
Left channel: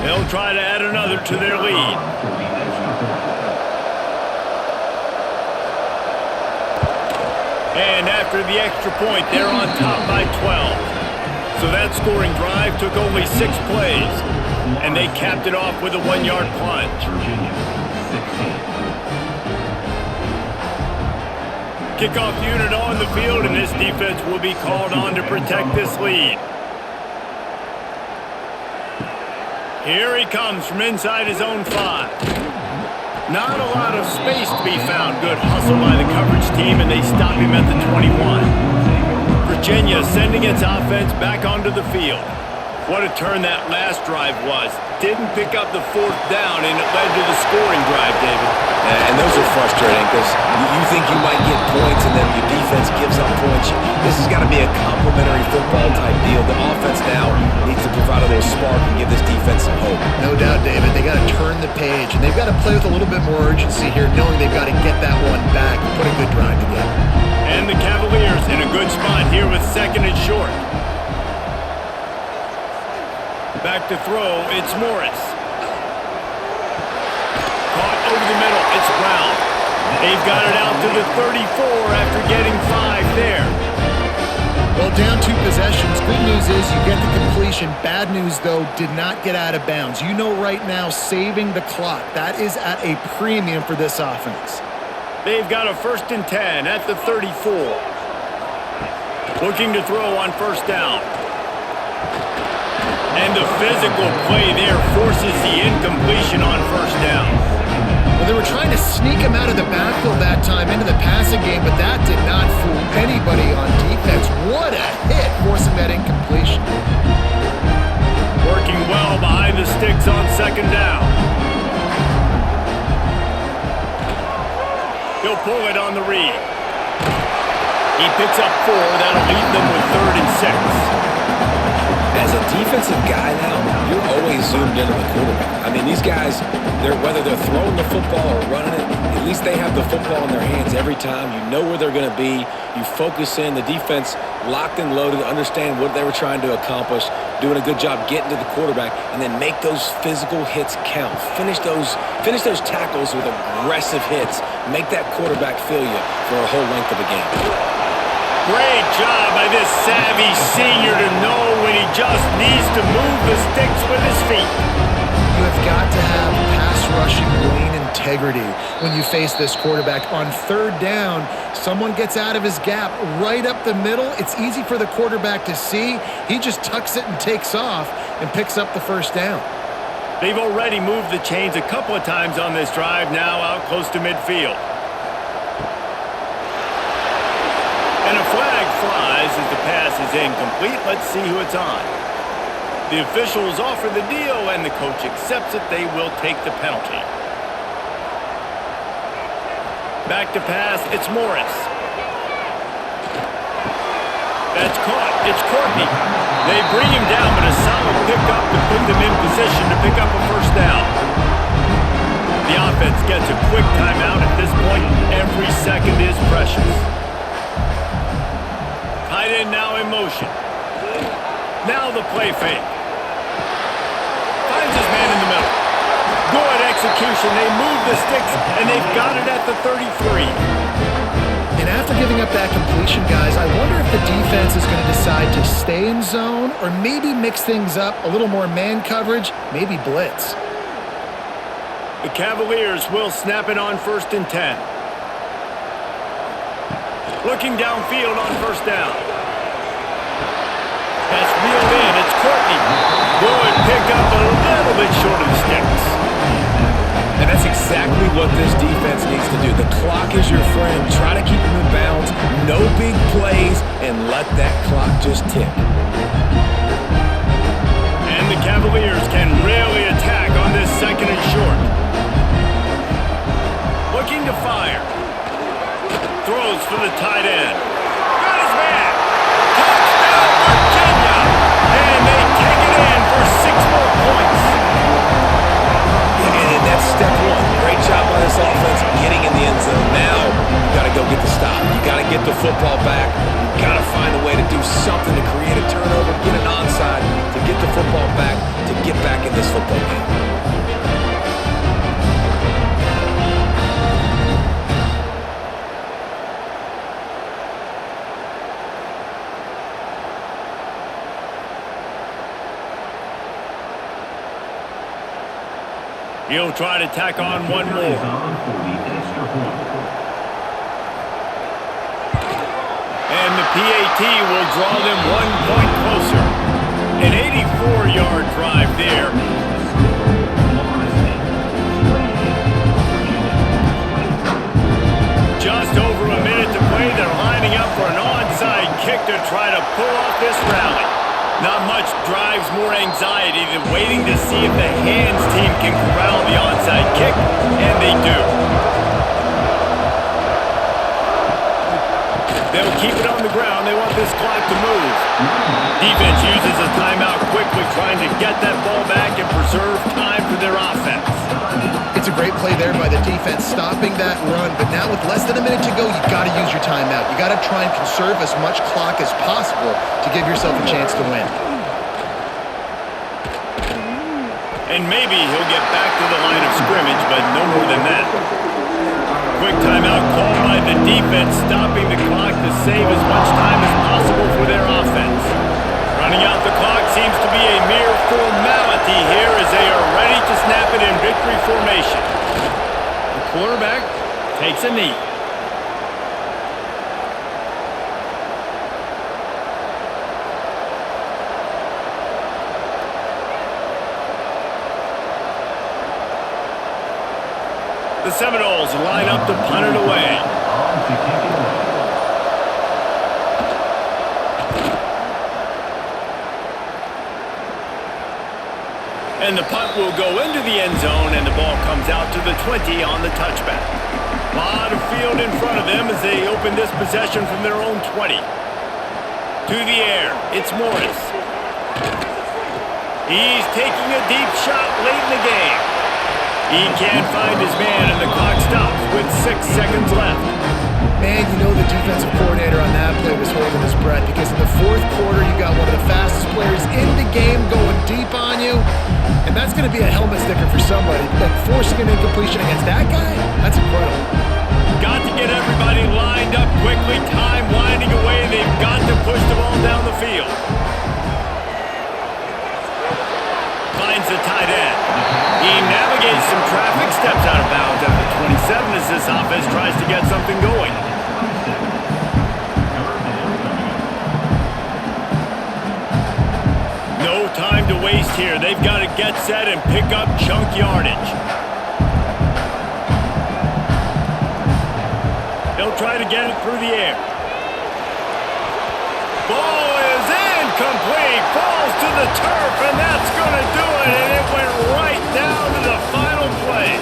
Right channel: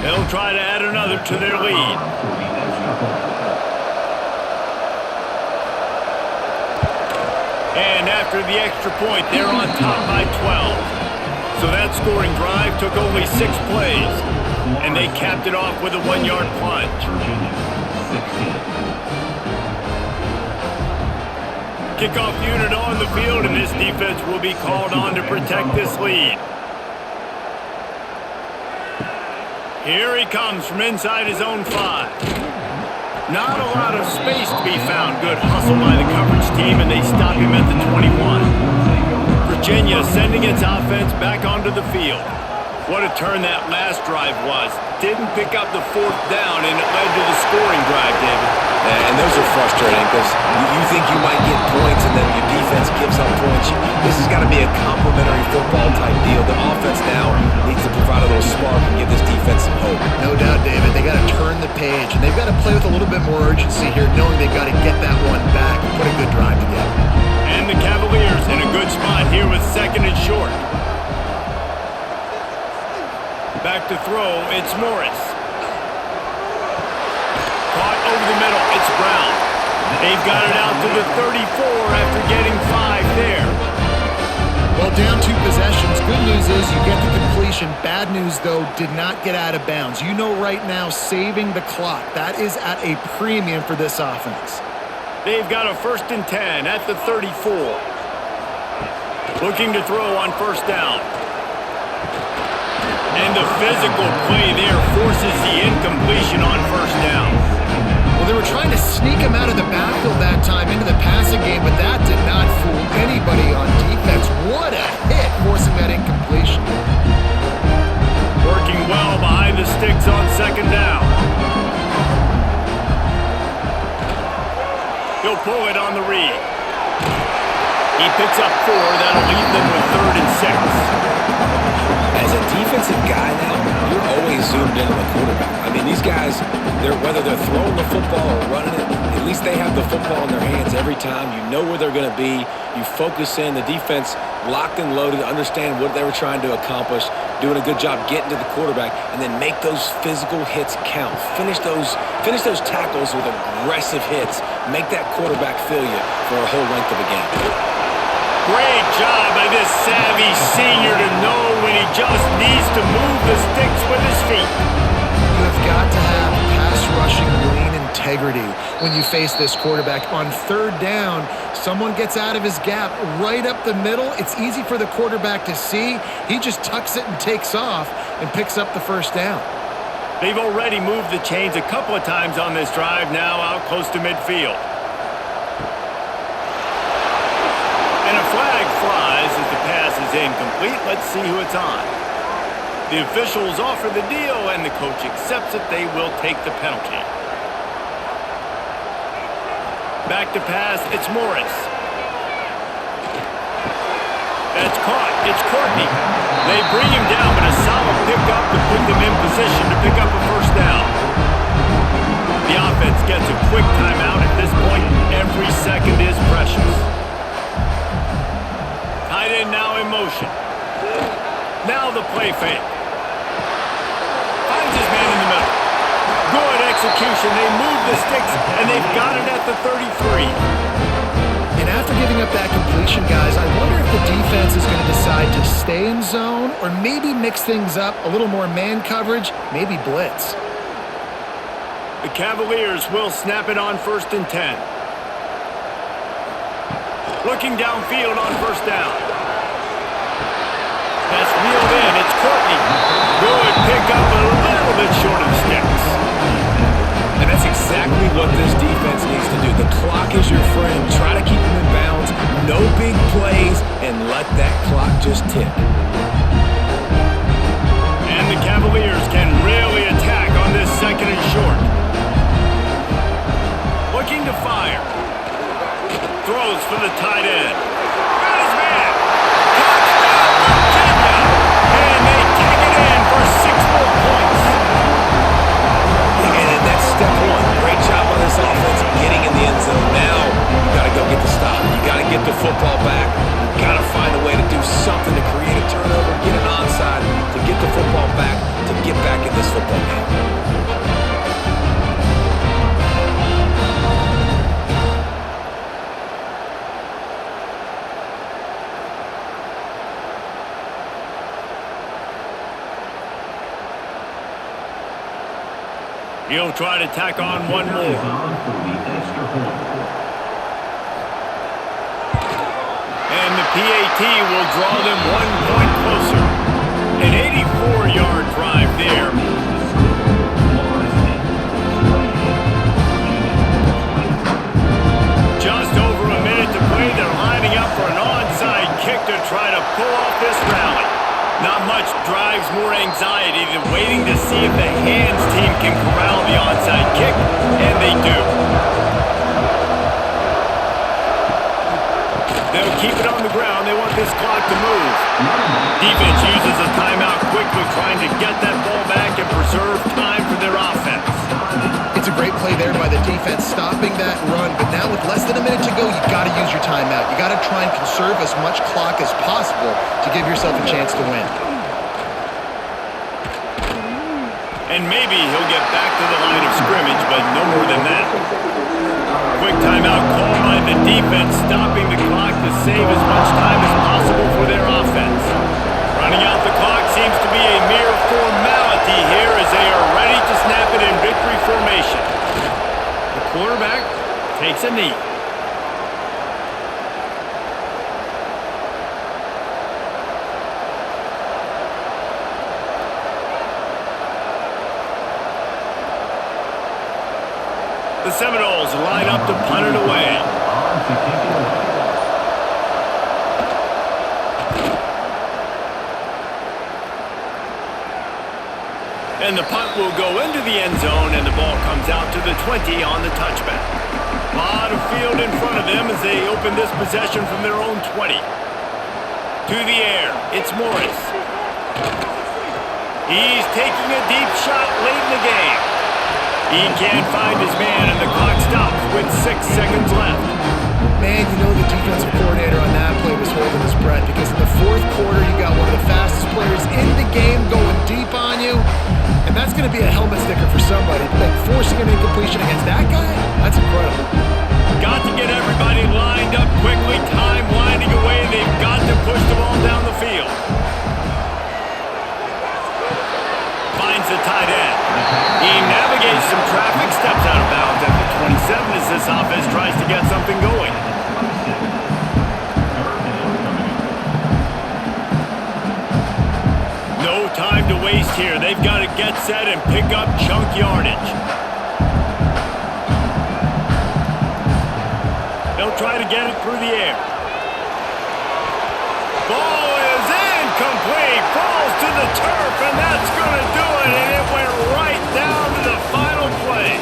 They'll try to add another to their lead. And after the extra point, they're on top by 12. So that scoring drive took only 6 plays. And they capped it off with a 1-yard plunge. Virginia, 16. Kickoff unit on the field, and this defense will be called on to protect this lead. Here he comes from inside his own 5. Not a lot of space to be found. Good hustle by the coverage team, and they stop him at the 21. Virginia sending its offense back onto the field. What a turn that last drive was. Didn't pick up the 4th down, and it led to the scoring drive, David. And those are frustrating because you think you might get points and then your defense gives up points. This has got to be a complementary football type deal. The offense now needs to provide a little spark and give this defense some hope. No doubt, David. They got to turn the page, and they've got to play with a little bit more urgency here, knowing they've got to get that one back and put a good drive together. And the Cavaliers in a good spot here with 2nd and short. Back to throw, it's Morris. Caught over the middle, it's Brown. They've got it out to the 34 after getting 5 there. Well, down 2 possessions. Good news is you get the completion. Bad news, though, did not get out of bounds. You know right now, saving the clock, that is at a premium for this offense. They've got a 1st and 10 at the 34. Looking to throw on 1st down. And the physical play there forces the incompletion on first down. Well, they were trying to sneak him out of the backfield that time into the passing game, but that did not fool anybody on defense. What a hit, forcing that incompletion. Working well behind the sticks on second down. He'll pull it on the read. He picks up 4. That'll leave them with 3rd and 6. As a defensive guy now, you're always zoomed in on the quarterback. I mean, these guys, whether they're throwing the football or running it, at least they have the football in their hands every time. You know where they're going to be. You focus in. The defense locked and loaded, understand what they were trying to accomplish, doing a good job getting to the quarterback, and then make those physical hits count. Finish those tackles with aggressive hits. Make that quarterback feel you for a whole length of a game. Great job by this savvy senior to know when he just needs to move the sticks with his feet. You have got to have pass rushing lane integrity when you face this quarterback. On 3rd down, someone gets out of his gap right up the middle. It's easy for the quarterback to see. He just tucks it and takes off and picks up the first down. They've already moved the chains a couple of times on this drive, now out close to midfield. And a flag flies as the pass is incomplete. Let's see who it's on. The officials offer the deal, and the coach accepts it. They will take the penalty. Back to pass. It's Morris. That's caught. It's Courtney. They bring him down, but a solid pickup to put them in position to pick up a first down. The offense gets a quick timeout. At this point, every second is precious. Tight end now in motion. Now the play fake. Finds his man in the middle. Good execution. They move the sticks, and they've got it at the 33. And after giving up that completion, guys, I wonder if the defense is going to decide to stay in zone or maybe mix things up, a little more man coverage, maybe blitz. The Cavaliers will snap it on 1st and 10. Looking downfield on first down. That's reeled in. It's Courtney. Good pickup, a little bit short of the sticks. And that's exactly what this defense needs to do. The clock is your friend. Try to keep them in bounds. No big plays, and let that clock just tick. And the Cavaliers can really attack on this 2nd and short. Looking to fire. Throws for the tight end. Got his man. Touchdown, Virginia. And they take it in for 6 more points. And that's step 1. Great job by this offense getting in the end zone. Now you got to go get the stop. You got to get the football back. You got to find a way to do something to create a turnover, get an onside, to get the football back, to get back in this football game. He'll try to tack on one more. And the PAT will draw them 1 point closer. An 84-yard drive there. Just over a minute to play. They're lining up for an onside kick to try to pull off this rally. Not much drives more anxiety than waiting to see if the hands team can corral the onside kick, and they do. They'll keep it on the ground. They want this clock to move. Defense uses a timeout quickly, trying to get that ball back and preserve time for their offense. It's a great play there by the defense, stopping that run. But now with less than a minute to go, you got to use your timeout. You got to try and conserve as much clock as possible to give yourself a chance to win. And maybe he'll get back to the line of scrimmage, but no more than that. Quick timeout called by the defense, stopping the clock to save as much time as possible for their offense. Running out the clock seems to be a mere formality here as they are ready to snap it in victory formation. The quarterback takes a knee. The Seminoles line up to punt it away. On to kick it away. And the punt will go into the end zone, and the ball comes out to the 20 on the touchback. A lot of field in front of them as they open this possession from their own 20. To the air, it's Morris. He's taking a deep shot late in the game. He can't find his man, and the clock stops with 6 seconds left. Man, you know the defensive coordinator on that play was holding his breath because in the fourth quarter, you got one of the fastest players in the game going deep on you, and that's going to be a helmet sticker for somebody. Like forcing an incompletion against that guy, that's incredible. Got to get everybody lined up quickly. Time winding away. They've got to push the ball down the field. Finds the tight end. He navigates some traffic, steps out of bounds at the 27 as this offense tries to get something going. At the 27. Third down coming up. No time to waste here. They've got to get set and pick up chunk yardage. They'll try to get it through the air. Ball is incomplete, falls to the turf, and that's going to do it, and it went right down to the final play.